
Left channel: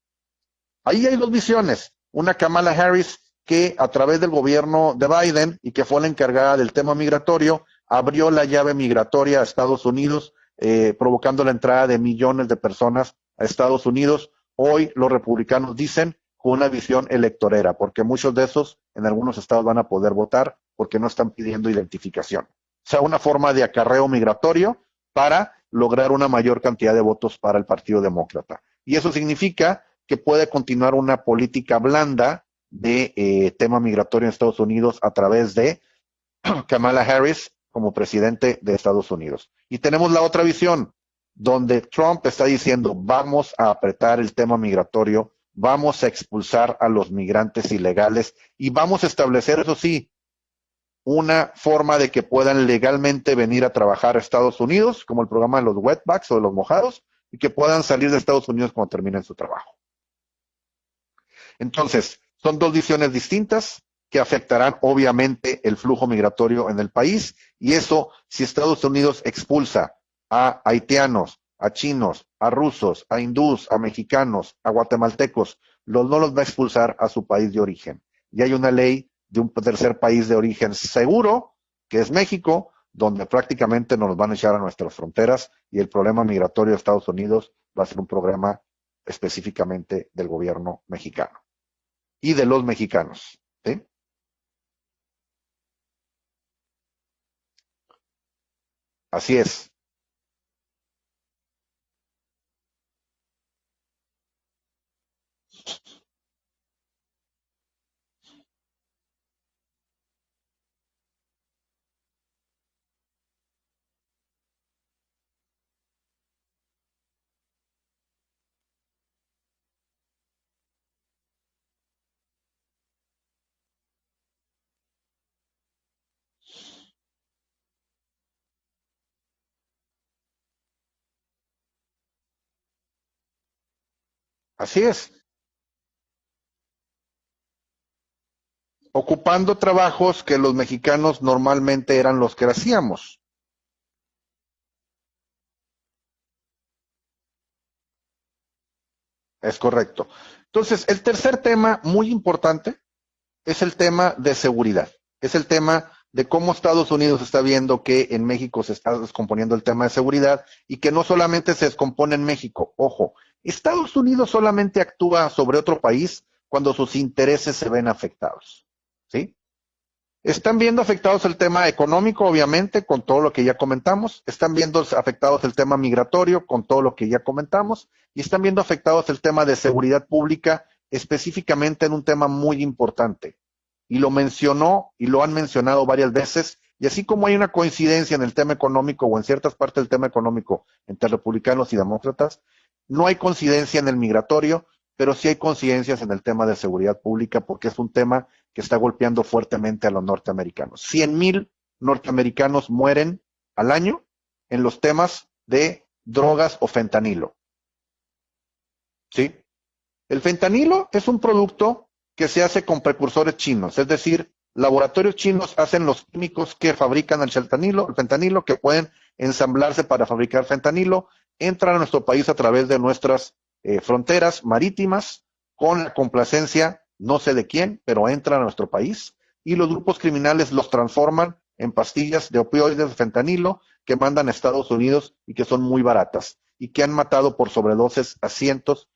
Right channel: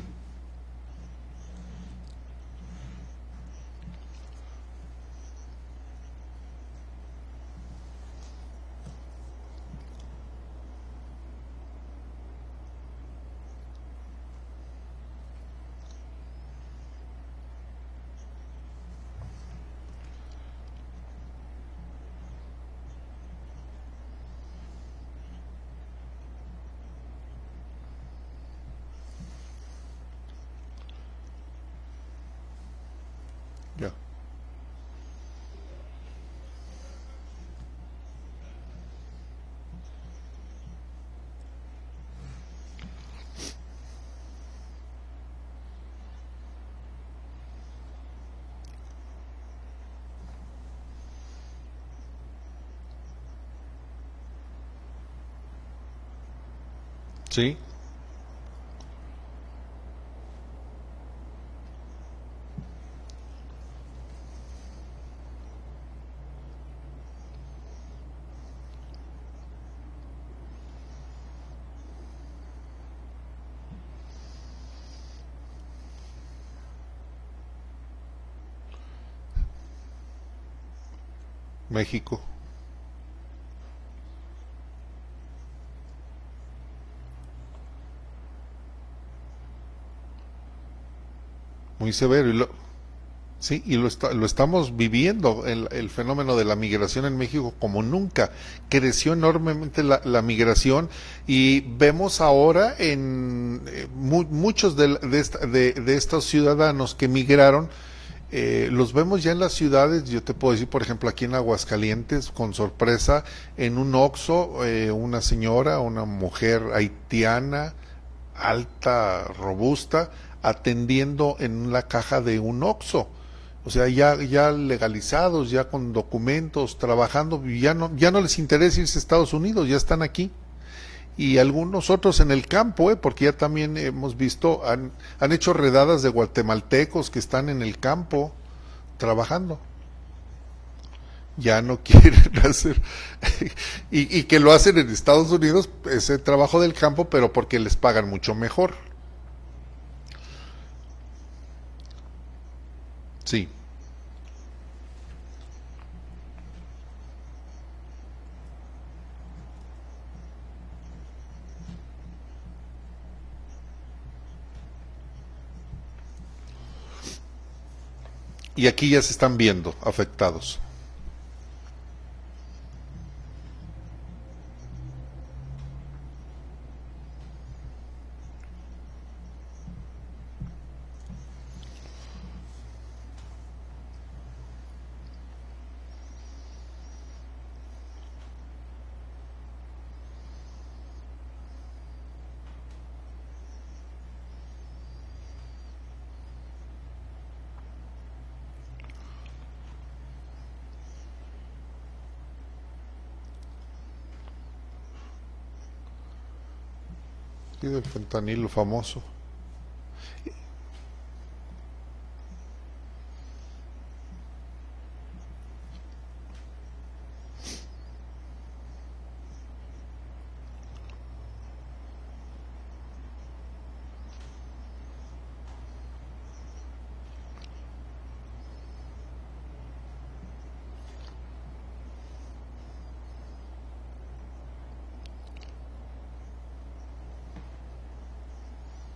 Ahí hay dos visiones, una Kamala Harris que a través del gobierno de Biden y que fue la encargada del tema migratorio, abrió la llave migratoria a Estados Unidos, provocando la entrada de millones de personas a Estados Unidos. Hoy los republicanos dicen con una visión electorera, porque muchos de esos en algunos estados van a poder votar porque no están pidiendo identificación. O sea, una forma de acarreo migratorio para lograr una mayor cantidad de votos para el Partido Demócrata. Y eso significa que puede continuar una política blanda de tema migratorio en Estados Unidos a través de Kamala Harris como presidente de Estados Unidos. Y tenemos la otra visión, donde Trump está diciendo, vamos a apretar el tema migratorio, vamos a expulsar a los migrantes ilegales y vamos a establecer, eso sí, una forma de que puedan legalmente venir a trabajar a Estados Unidos, como el programa de los wetbacks o de los mojados, sí, y que puedan salir de Estados Unidos cuando terminen su trabajo. Entonces, son dos visiones distintas que afectarán obviamente el flujo migratorio en el país, y eso, si Estados Unidos expulsa a haitianos, a chinos, a rusos, a hindús, a mexicanos, a guatemaltecos, no los va a expulsar a su país de origen. Y hay una ley de un tercer país de origen seguro, México, que es México, donde prácticamente nos van a echar a nuestras fronteras, y el problema migratorio de Estados Unidos va a ser un problema específicamente del gobierno mexicano. Muy severo. Y de los mexicanos. Sí, y lo estamos viviendo, el fenómeno de la migración en México como nunca. Creció enormemente la migración, y vemos ahora en muchos de estos ciudadanos que migraron, los vemos ya en las ciudades. Yo te puedo decir, por ejemplo, aquí en Aguascalientes, con sorpresa, en un Oxxo, una señora, una mujer haitiana, alta, robusta, atendiendo en la caja de un Oxxo. O sea, ya legalizados, ya con documentos, trabajando, y ya no les interesa irse a Estados Unidos, ya están aquí. Y algunos otros en el campo, porque ya también hemos visto, han hecho redadas de guatemaltecos que están en el campo. Ocupando trabajos que los mexicanos normalmente eran los que hacíamos. y que lo hacen en Estados Unidos, ese trabajo del campo, pero porque les pagan mucho mejor. Es correcto. Entonces, el tercer tema muy importante es el tema de seguridad. Es el tema de cómo Estados Unidos está viendo que en México se está descomponiendo el tema de seguridad, y que no solamente se descompone en México. Ojo, Estados Unidos solamente actúa sobre otro país cuando sus intereses se ven afectados. Y aquí ya se están viendo afectados. Están viendo afectados el tema económico, obviamente, con todo lo que ya comentamos. Están viendo afectados el tema migratorio, con todo lo que ya comentamos. Y están viendo afectados el tema de seguridad pública, específicamente en un tema muy importante. Y lo mencionó, y lo han mencionado varias veces. Y así como hay una coincidencia en el tema económico, o en ciertas partes del tema económico, entre republicanos y demócratas, no hay coincidencia en el migratorio, pero sí hay coincidencias en el tema de seguridad pública, porque es un tema que está golpeando fuertemente a los norteamericanos. 100,000 norteamericanos mueren al año en los temas de drogas o fentanilo. Sí, del fentanilo famoso. Sí. El fentanilo es un producto que se hace con precursores chinos, es decir, laboratorios chinos hacen los químicos que fabrican el fentanilo, que pueden ensamblarse para fabricar fentanilo, entran a nuestro país a través de nuestras fronteras marítimas, con la complacencia no sé de quién, pero entran a nuestro país, y los grupos criminales los transforman en pastillas de opioides de fentanilo que mandan a Estados Unidos, y que son muy baratas, y que han matado por sobredosis a cientos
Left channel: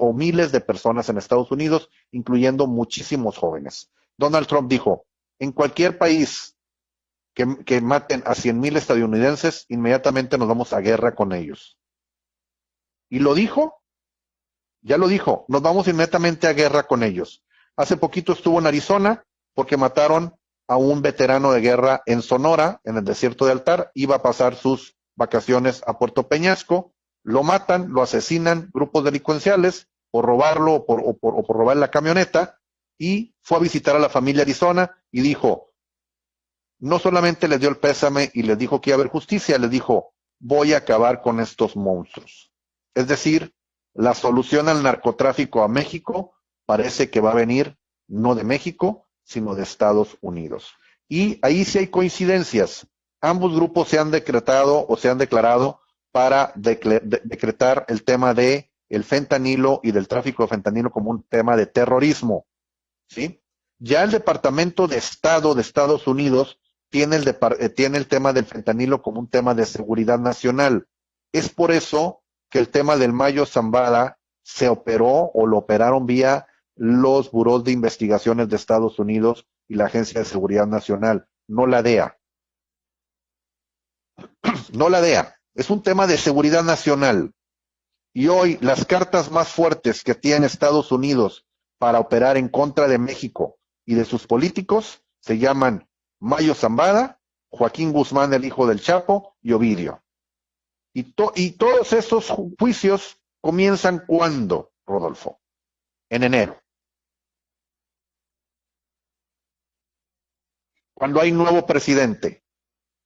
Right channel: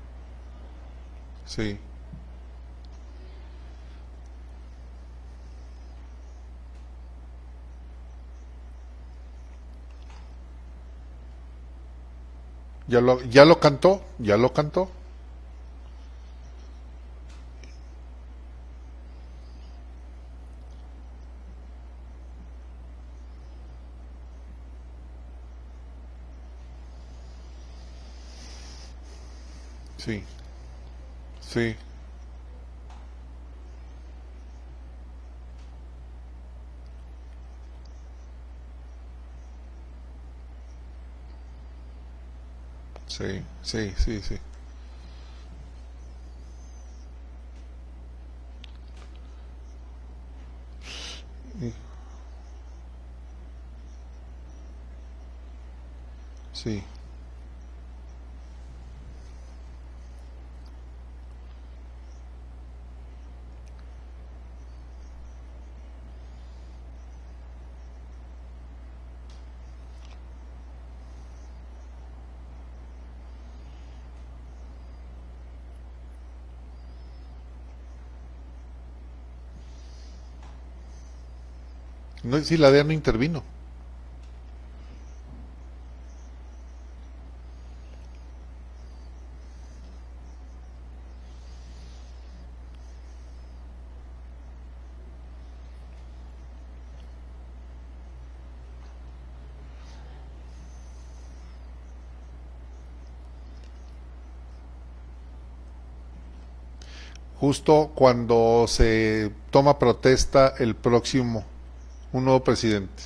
o miles de personas en Estados Unidos, incluyendo muchísimos jóvenes. Donald Trump dijo, en cualquier país que maten a 100,000 estadounidenses, inmediatamente nos vamos a guerra con ellos. Ya lo cantó. Ya lo dijo, nos vamos inmediatamente a guerra con ellos. Hace poquito estuvo en Arizona porque mataron a un veterano de guerra en Sonora, en el desierto de Altar. Iba a pasar sus vacaciones a Puerto Peñasco, lo matan, lo asesinan grupos delincuenciales por robarlo o por robar la camioneta, y fue a visitar a la familia Arizona y dijo, no solamente les dio el pésame y les dijo que iba a haber justicia, les dijo, voy a acabar con estos monstruos. Es decir, la solución al narcotráfico a México parece que va a venir no de México, sino de Estados Unidos. Y ahí sí hay coincidencias. Ambos grupos se han decretado o se han declarado para decretar el tema de el fentanilo y del tráfico de fentanilo como un tema de terrorismo. ¿Sí? Ya el Departamento de Estado de Estados Unidos tiene el tema del fentanilo como un tema de seguridad nacional. Es por eso que el tema del Mayo Zambada se operó o lo operaron vía los burós de investigaciones de Estados Unidos y la Agencia de Seguridad Nacional, no la DEA. No, sí, la DEA no intervino. No la DEA. Es un tema de seguridad nacional. Y hoy las cartas más fuertes que tiene Estados Unidos para operar en contra de México y de sus políticos se llaman Mayo Zambada, Joaquín Guzmán, el hijo del Chapo, y Ovidio. Y todos esos juicios comienzan ¿cuándo, Rodolfo? En enero. Justo cuando se toma protesta el próximo... Cuando hay nuevo presidente. Un nuevo presidente.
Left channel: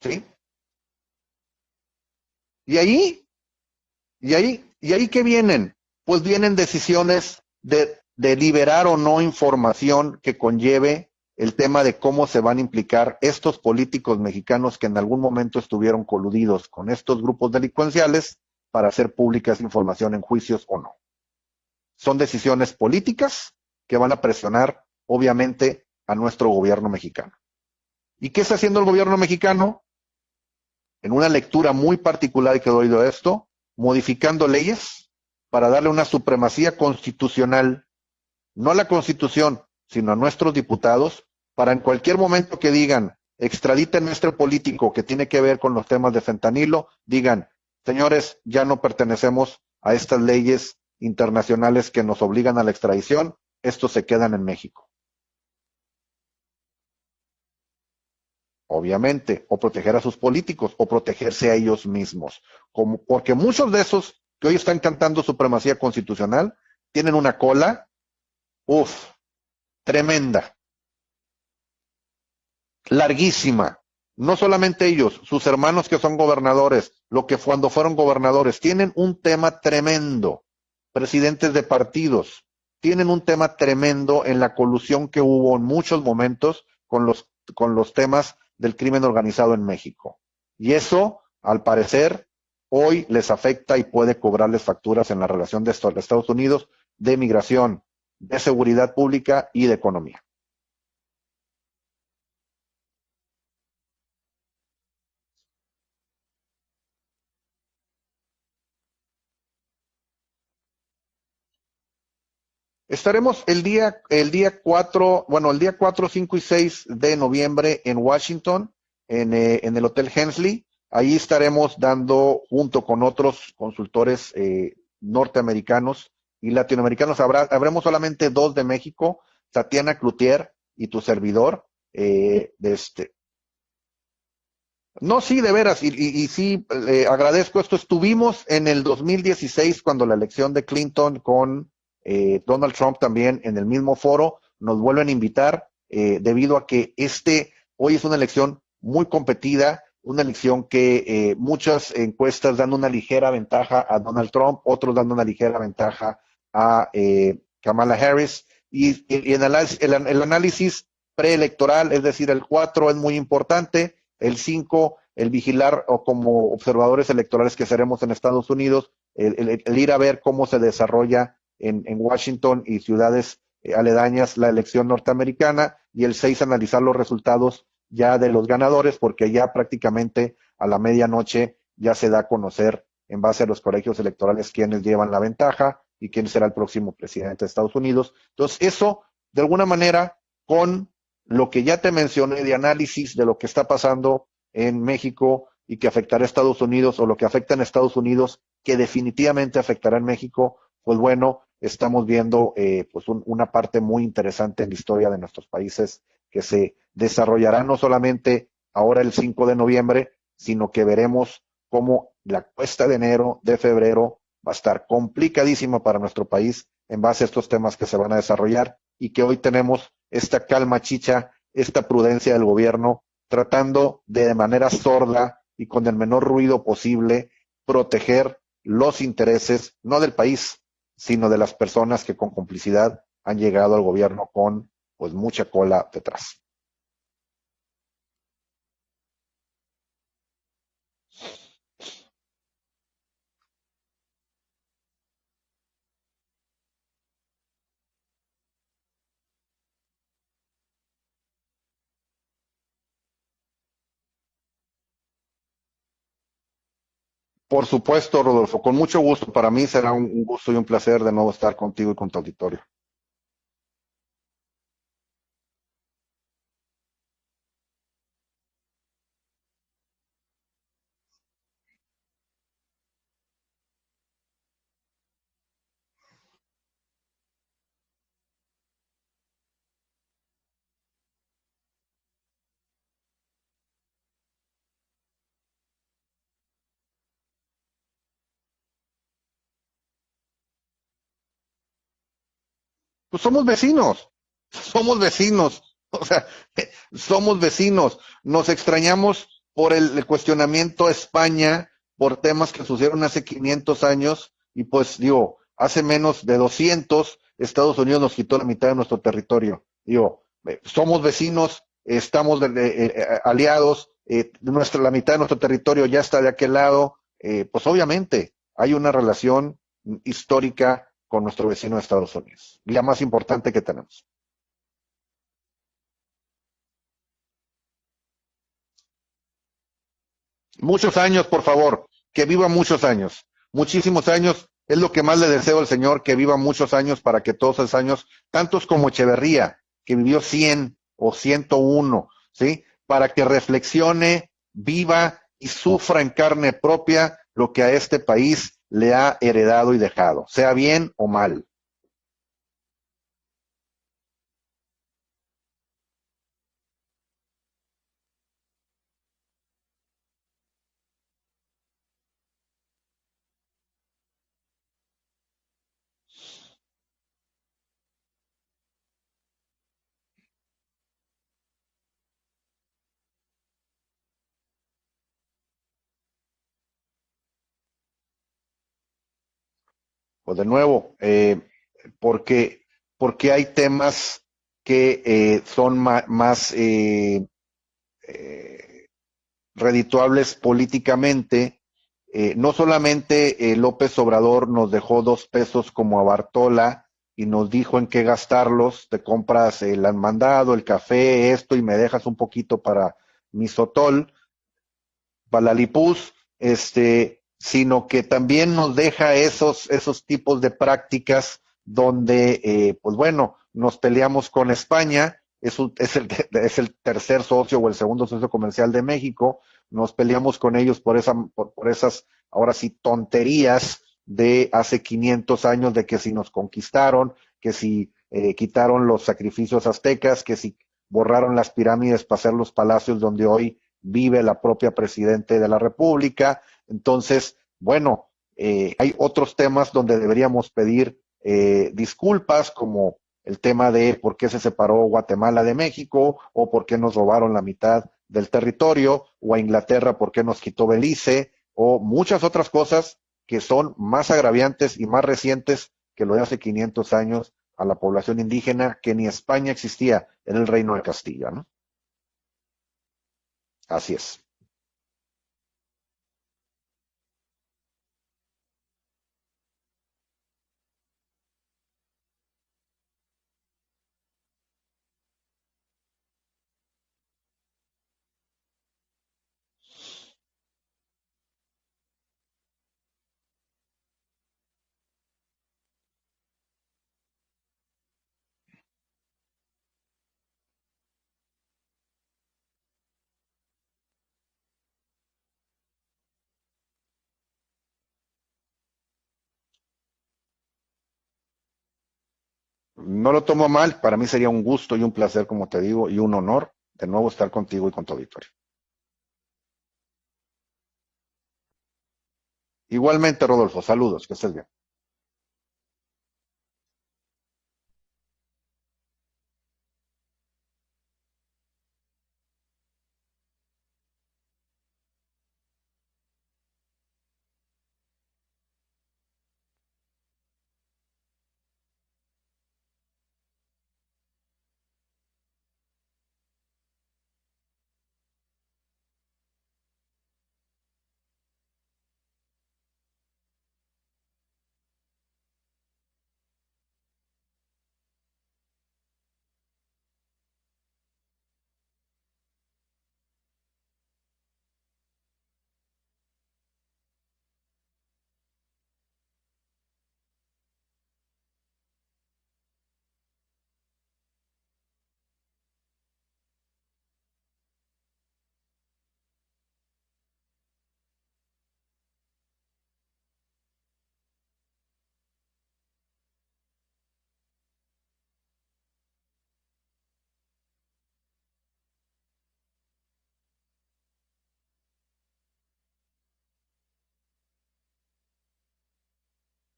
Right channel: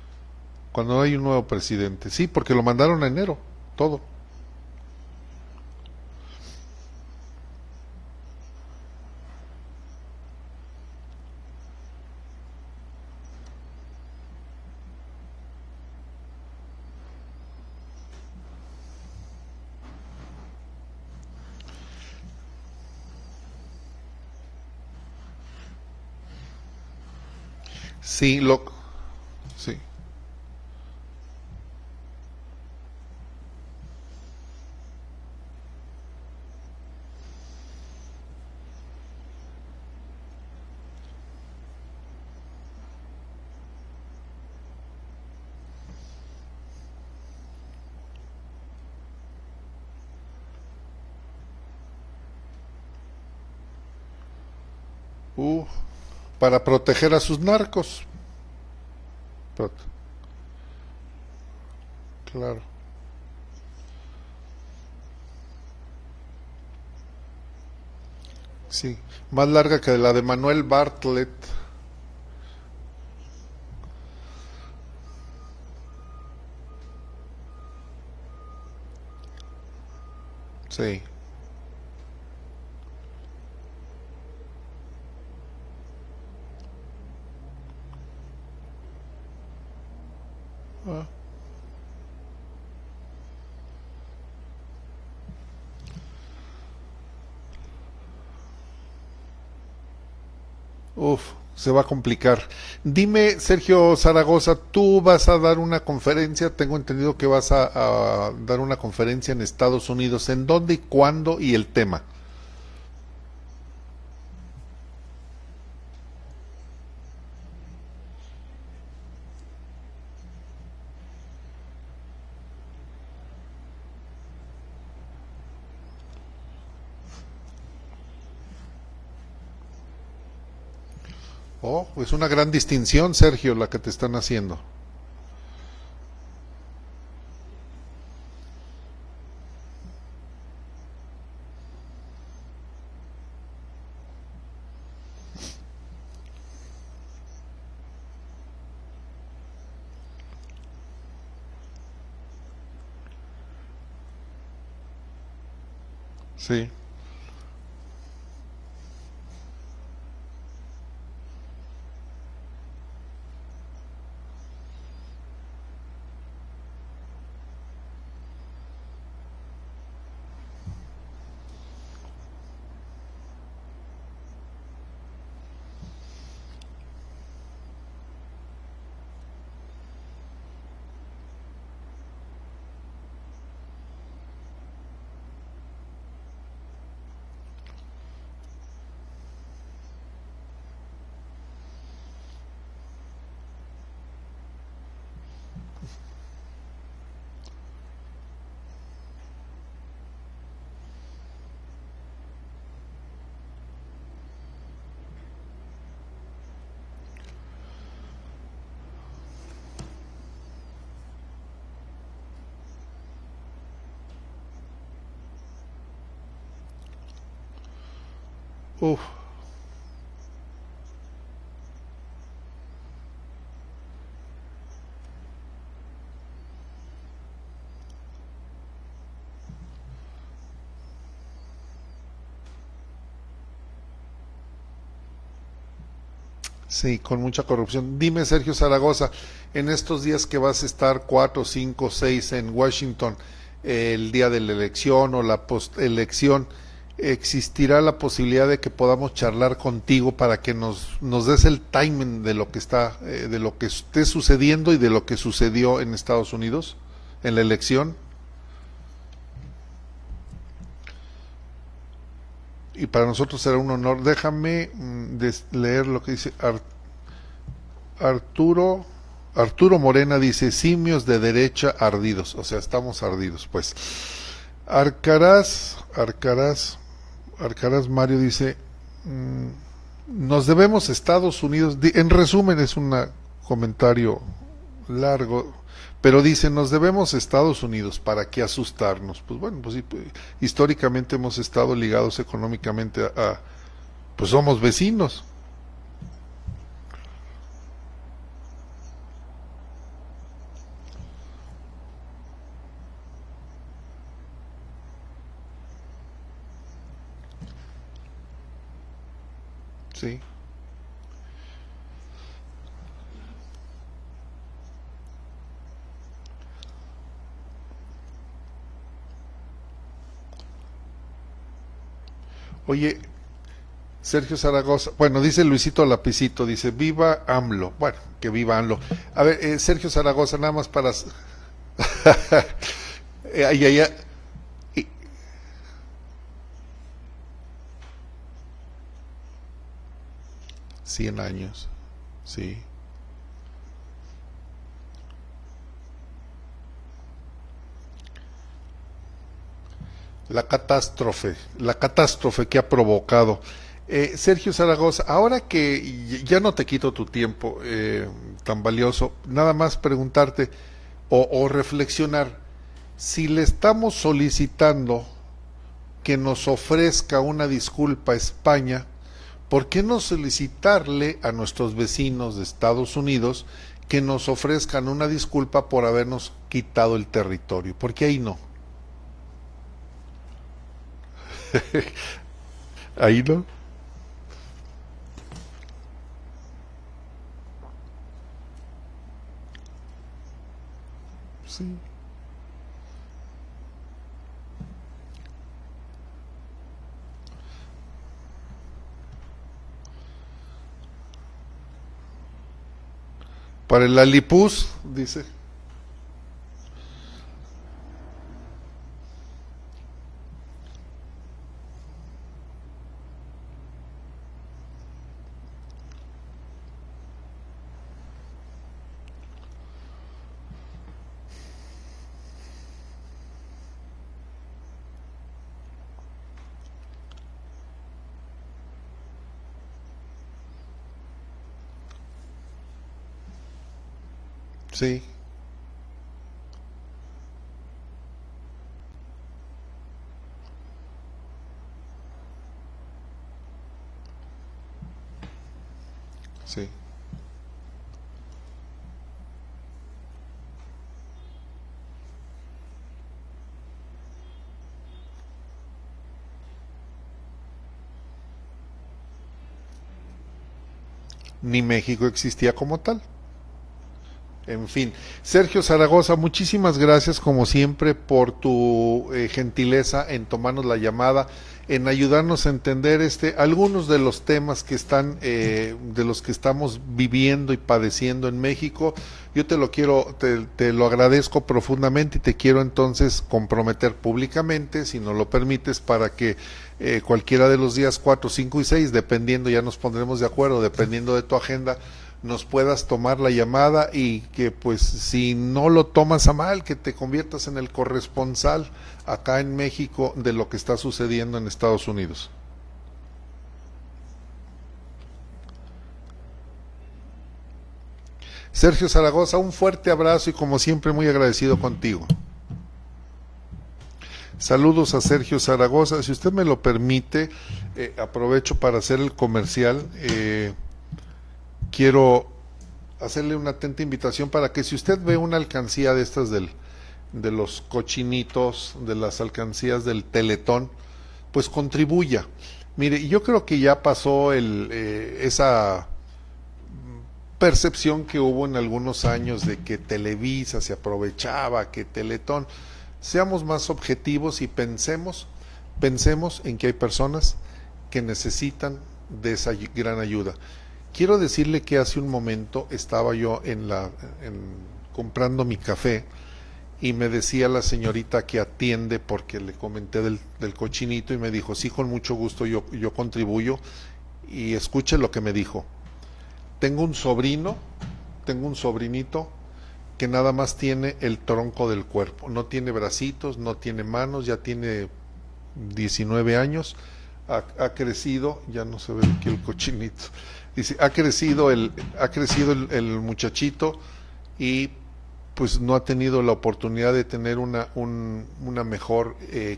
¿Sí? Cuando hay un nuevo presidente. Sí, porque lo mandaron en enero, todo. ¿Y ahí qué vienen? Pues vienen decisiones de liberar o no información que conlleve el tema de cómo se van a implicar estos políticos mexicanos que en algún momento estuvieron coludidos con estos grupos delincuenciales para hacer pública esa información en juicios o no. Son decisiones políticas que van a presionar, obviamente, a nuestro gobierno mexicano. Sí, ¿Qué está haciendo el gobierno mexicano? Sí. En una lectura muy particular que doy de esto, modificando leyes para darle una supremacía constitucional, no a la Constitución, sino a nuestros diputados, para en cualquier momento que digan, extraditen nuestro político que tiene que ver con los temas de fentanilo, digan, señores, ya no pertenecemos a estas leyes internacionales que nos obligan a la extradición, estos se quedan en México. Para proteger a sus narcos. Obviamente, o proteger a sus políticos, o protegerse a ellos mismos. Claro. Porque muchos de esos que hoy están cantando supremacía constitucional tienen una cola Sí, más larga que tremenda, la de Manuel Bartlett. larguísima. No solamente ellos, sus hermanos que son gobernadores, cuando fueron gobernadores, tienen un tema tremendo. Sí. Presidentes de partidos tienen un tema tremendo en la colusión que hubo en muchos momentos con los temas del crimen organizado en México. Y eso, al parecer, hoy les afecta y puede cobrarles facturas en la relación de Estados Unidos, de migración, de seguridad pública y de economía. Se va a complicar. Dime, Sergio Zaragoza, tú vas a dar una conferencia, tengo entendido que vas a dar una conferencia en Estados Unidos. ¿En dónde y cuándo y el tema? Estaremos el día 4, 5 y 6 de noviembre en Washington, en el Hotel Hensley. Ahí estaremos dando, junto con otros consultores norteamericanos y latinoamericanos, habremos solamente 2 de México, Tatiana Cloutier y tu servidor. Es una gran distinción, Sergio, la que te están haciendo. No, sí, de veras, y sí, agradezco esto. Estuvimos en el 2016, cuando la elección de Clinton con Donald Trump también en el mismo foro, nos vuelven a invitar, debido a que hoy es una elección muy competida, una elección que muchas encuestas dan una ligera ventaja a Donald Trump, otros dan una ligera ventaja a Kamala Harris, y en el análisis preelectoral, es decir, el 4 es muy importante, el 5, el vigilar, o como observadores electorales que seremos en Estados Unidos, el ir a ver cómo se desarrolla en Washington y ciudades aledañas la elección norteamericana, y el 6 analizar los resultados ya de los ganadores, porque ya prácticamente a la medianoche ya se da a conocer, en base a los colegios electorales, quiénes llevan la ventaja y quién será el próximo presidente de Estados Unidos. Entonces eso, de alguna manera, con lo que ya te mencioné de análisis de lo que está pasando en México y que afectará a Estados Unidos, o lo que afecta en Estados Unidos que definitivamente afectará en México, pues bueno, estamos viendo pues una parte muy interesante en la historia de nuestros países, que se desarrollará no solamente ahora el 5 de noviembre, sino que veremos cómo la cuesta de enero, de febrero, va a estar complicadísima para nuestro país en base a estos temas que se van a desarrollar. Y que hoy tenemos esta calma chicha, esta prudencia del gobierno, tratando de manera sorda y con el menor ruido posible proteger los intereses, no del país, sino de las personas que con complicidad han llegado al gobierno con pues mucha cola detrás. Sí, con mucha corrupción. Dime, Sergio Zaragoza, en estos días que vas a estar 4, 5, 6 en Washington, el día de la elección o la postelección, ¿existirá la posibilidad de que podamos charlar contigo para que nos des el timing de lo que de lo que esté sucediendo y de lo que sucedió en Estados Unidos en la elección? Por supuesto, Rodolfo, con mucho gusto. Para mí será un gusto y un placer de nuevo estar contigo y con tu auditorio. Y para nosotros será un honor. Déjame leer lo que dice Arturo Morena. Dice: simios de derecha ardidos. O sea, estamos ardidos, pues. Arcaraz Mario dice: nos debemos a Estados Unidos. En resumen, es un comentario largo, pero dice: nos debemos a Estados Unidos, ¿para qué asustarnos? Pues bueno, pues, históricamente hemos estado ligados económicamente pues somos vecinos. Pues somos vecinos. Somos vecinos. O sea, somos vecinos. Nos extrañamos por el cuestionamiento a España por temas que sucedieron hace 500 años, y pues digo, hace menos de 200 Estados Unidos nos quitó la mitad de nuestro territorio. Digo, somos vecinos, estamos aliados, la mitad de nuestro territorio ya está de aquel lado, pues obviamente hay una relación histórica con nuestro vecino de Estados Unidos, la más importante que tenemos. Sergio Zaragoza, bueno, dice Luisito Lapicito, dice: viva AMLO. Bueno, que viva AMLO. A ver, Sergio Zaragoza, nada más muchos años, por favor, que viva muchos años, muchísimos años. Es lo que más le deseo al Señor, que viva muchos años, para que todos esos años, tantos como Echeverría, que vivió 100 o 101, ¿sí? Para que reflexione, viva y sufra en carne propia lo que a este país le ha heredado y dejado, sea bien o mal. La catástrofe que ha provocado. Sergio Zaragoza, ahora que ya no te quito tu tiempo tan valioso, nada más preguntarte o reflexionar, si le estamos solicitando que nos ofrezca una disculpa a España, ¿por qué no solicitarle a nuestros vecinos de Estados Unidos que nos ofrezcan una disculpa por habernos quitado el territorio? ¿Por qué ahí no? Pues de nuevo, porque Ahí no. hay temas que son más redituables políticamente. Sí. No solamente López Obrador nos dejó 2 pesos como a Bartola y nos dijo en qué gastarlos, te compras el mandado, el café, esto, y me dejas un poquito para mi Para el sotol, Lalipús, dice. para la Lipuz, sino que también nos deja esos tipos de prácticas donde, pues bueno, nos peleamos con España, es el tercer socio o el segundo socio comercial de México, nos peleamos con ellos por esas, ahora sí, tonterías de hace 500 años, de que si nos conquistaron, que si quitaron los sacrificios aztecas, que si borraron las pirámides para hacer los palacios donde hoy vive la propia presidente de la República. Entonces, bueno, hay otros temas donde deberíamos pedir disculpas, como el tema de por qué se separó Guatemala de México, o por qué nos robaron la mitad del territorio, o a Inglaterra por qué nos quitó Belice, o muchas otras cosas que son más agraviantes y más recientes que lo de hace 500 años a la población indígena, que ni España existía en el Reino de Castilla, ¿no? Ni México existía como tal. Así es. En fin, Sergio Zaragoza, muchísimas gracias como siempre por tu gentileza en tomarnos la llamada, en ayudarnos a entender algunos de los temas que están, de los que estamos viviendo y padeciendo en México. Yo te lo agradezco profundamente y te quiero entonces comprometer públicamente, si nos lo permites, para que cualquiera de los días 4, 5 y 6, dependiendo, ya nos pondremos de acuerdo, dependiendo de tu agenda, nos puedas tomar la llamada, y que pues si no lo tomas a mal, que te conviertas en el corresponsal acá en México de lo que está sucediendo en Estados Unidos. No lo tomo mal, para mí sería un gusto y un placer, como te digo, y un honor de nuevo estar contigo y con tu auditorio. Sergio Zaragoza, un fuerte abrazo y como siempre muy agradecido contigo. Igualmente, Rodolfo, saludos, que estés bien. Saludos a Sergio Zaragoza. Si usted me lo permite, aprovecho para hacer el comercial. Quiero hacerle una atenta invitación para que si usted ve una alcancía de estas de los cochinitos, de las alcancías del Teletón, pues contribuya. Mire, yo creo que ya pasó esa percepción que hubo en algunos años de que Televisa se aprovechaba, que Teletón. Seamos más objetivos y pensemos en que hay personas que necesitan de esa gran ayuda. Quiero decirle que hace un momento estaba yo comprando mi café, y me decía la señorita que atiende, porque le comenté del cochinito, y me dijo, sí, con mucho gusto yo contribuyo. Y escuche lo que me dijo: tengo un sobrinito que nada más tiene el tronco del cuerpo, no tiene bracitos, no tiene manos, ya tiene 19 años, ha crecido, ya no se ve aquí el cochinito, dice, ha crecido el muchachito, y pues no ha tenido la oportunidad de tener una mejor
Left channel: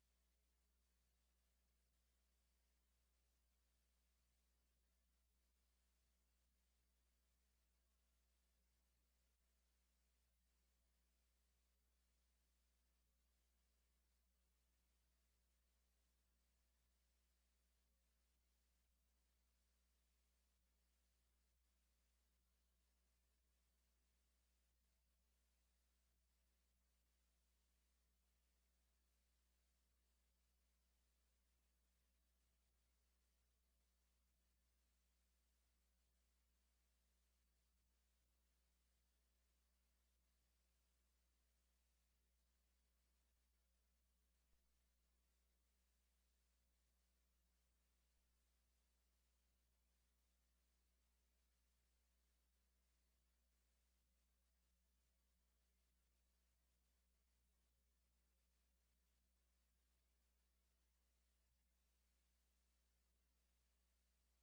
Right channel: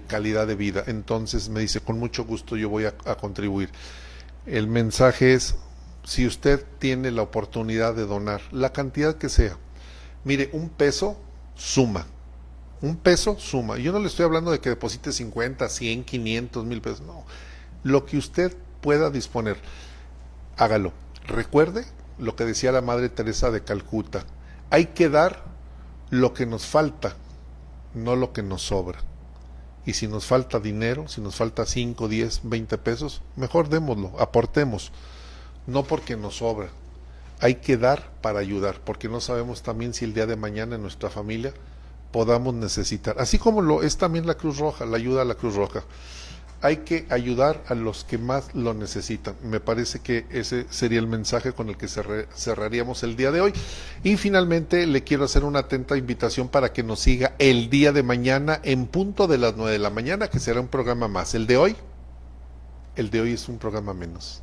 calidad de vida. Entonces me dice, con mucho gusto yo voy a contribuir. El mensaje es, si usted tiene la oportunidad de donar, la cantidad que sea, mire, un peso suma. Yo no le estoy hablando de que deposite 50, 100, 500, 1000 pesos, no. Lo que usted pueda disponer, hágalo. Recuerde lo que decía la Madre Teresa de Calcuta: hay que dar lo que nos falta, no lo que nos sobra. Y si nos falta dinero, si nos falta 5, 10, 20 pesos, mejor démoslo, aportemos, no porque nos sobra. Hay que dar para ayudar, porque no sabemos también si el día de mañana en nuestra familia podamos necesitar, así como lo es también la Cruz Roja, la ayuda a la Cruz Roja. hay que ayudar a los que más lo necesitan. Me parece que ese sería el mensaje con el que cerraríamos el día de hoy. Y finalmente le quiero hacer una atenta invitación para que nos siga el día de mañana en punto de las 9 de la mañana, que será un programa más. El de hoy es un programa menos.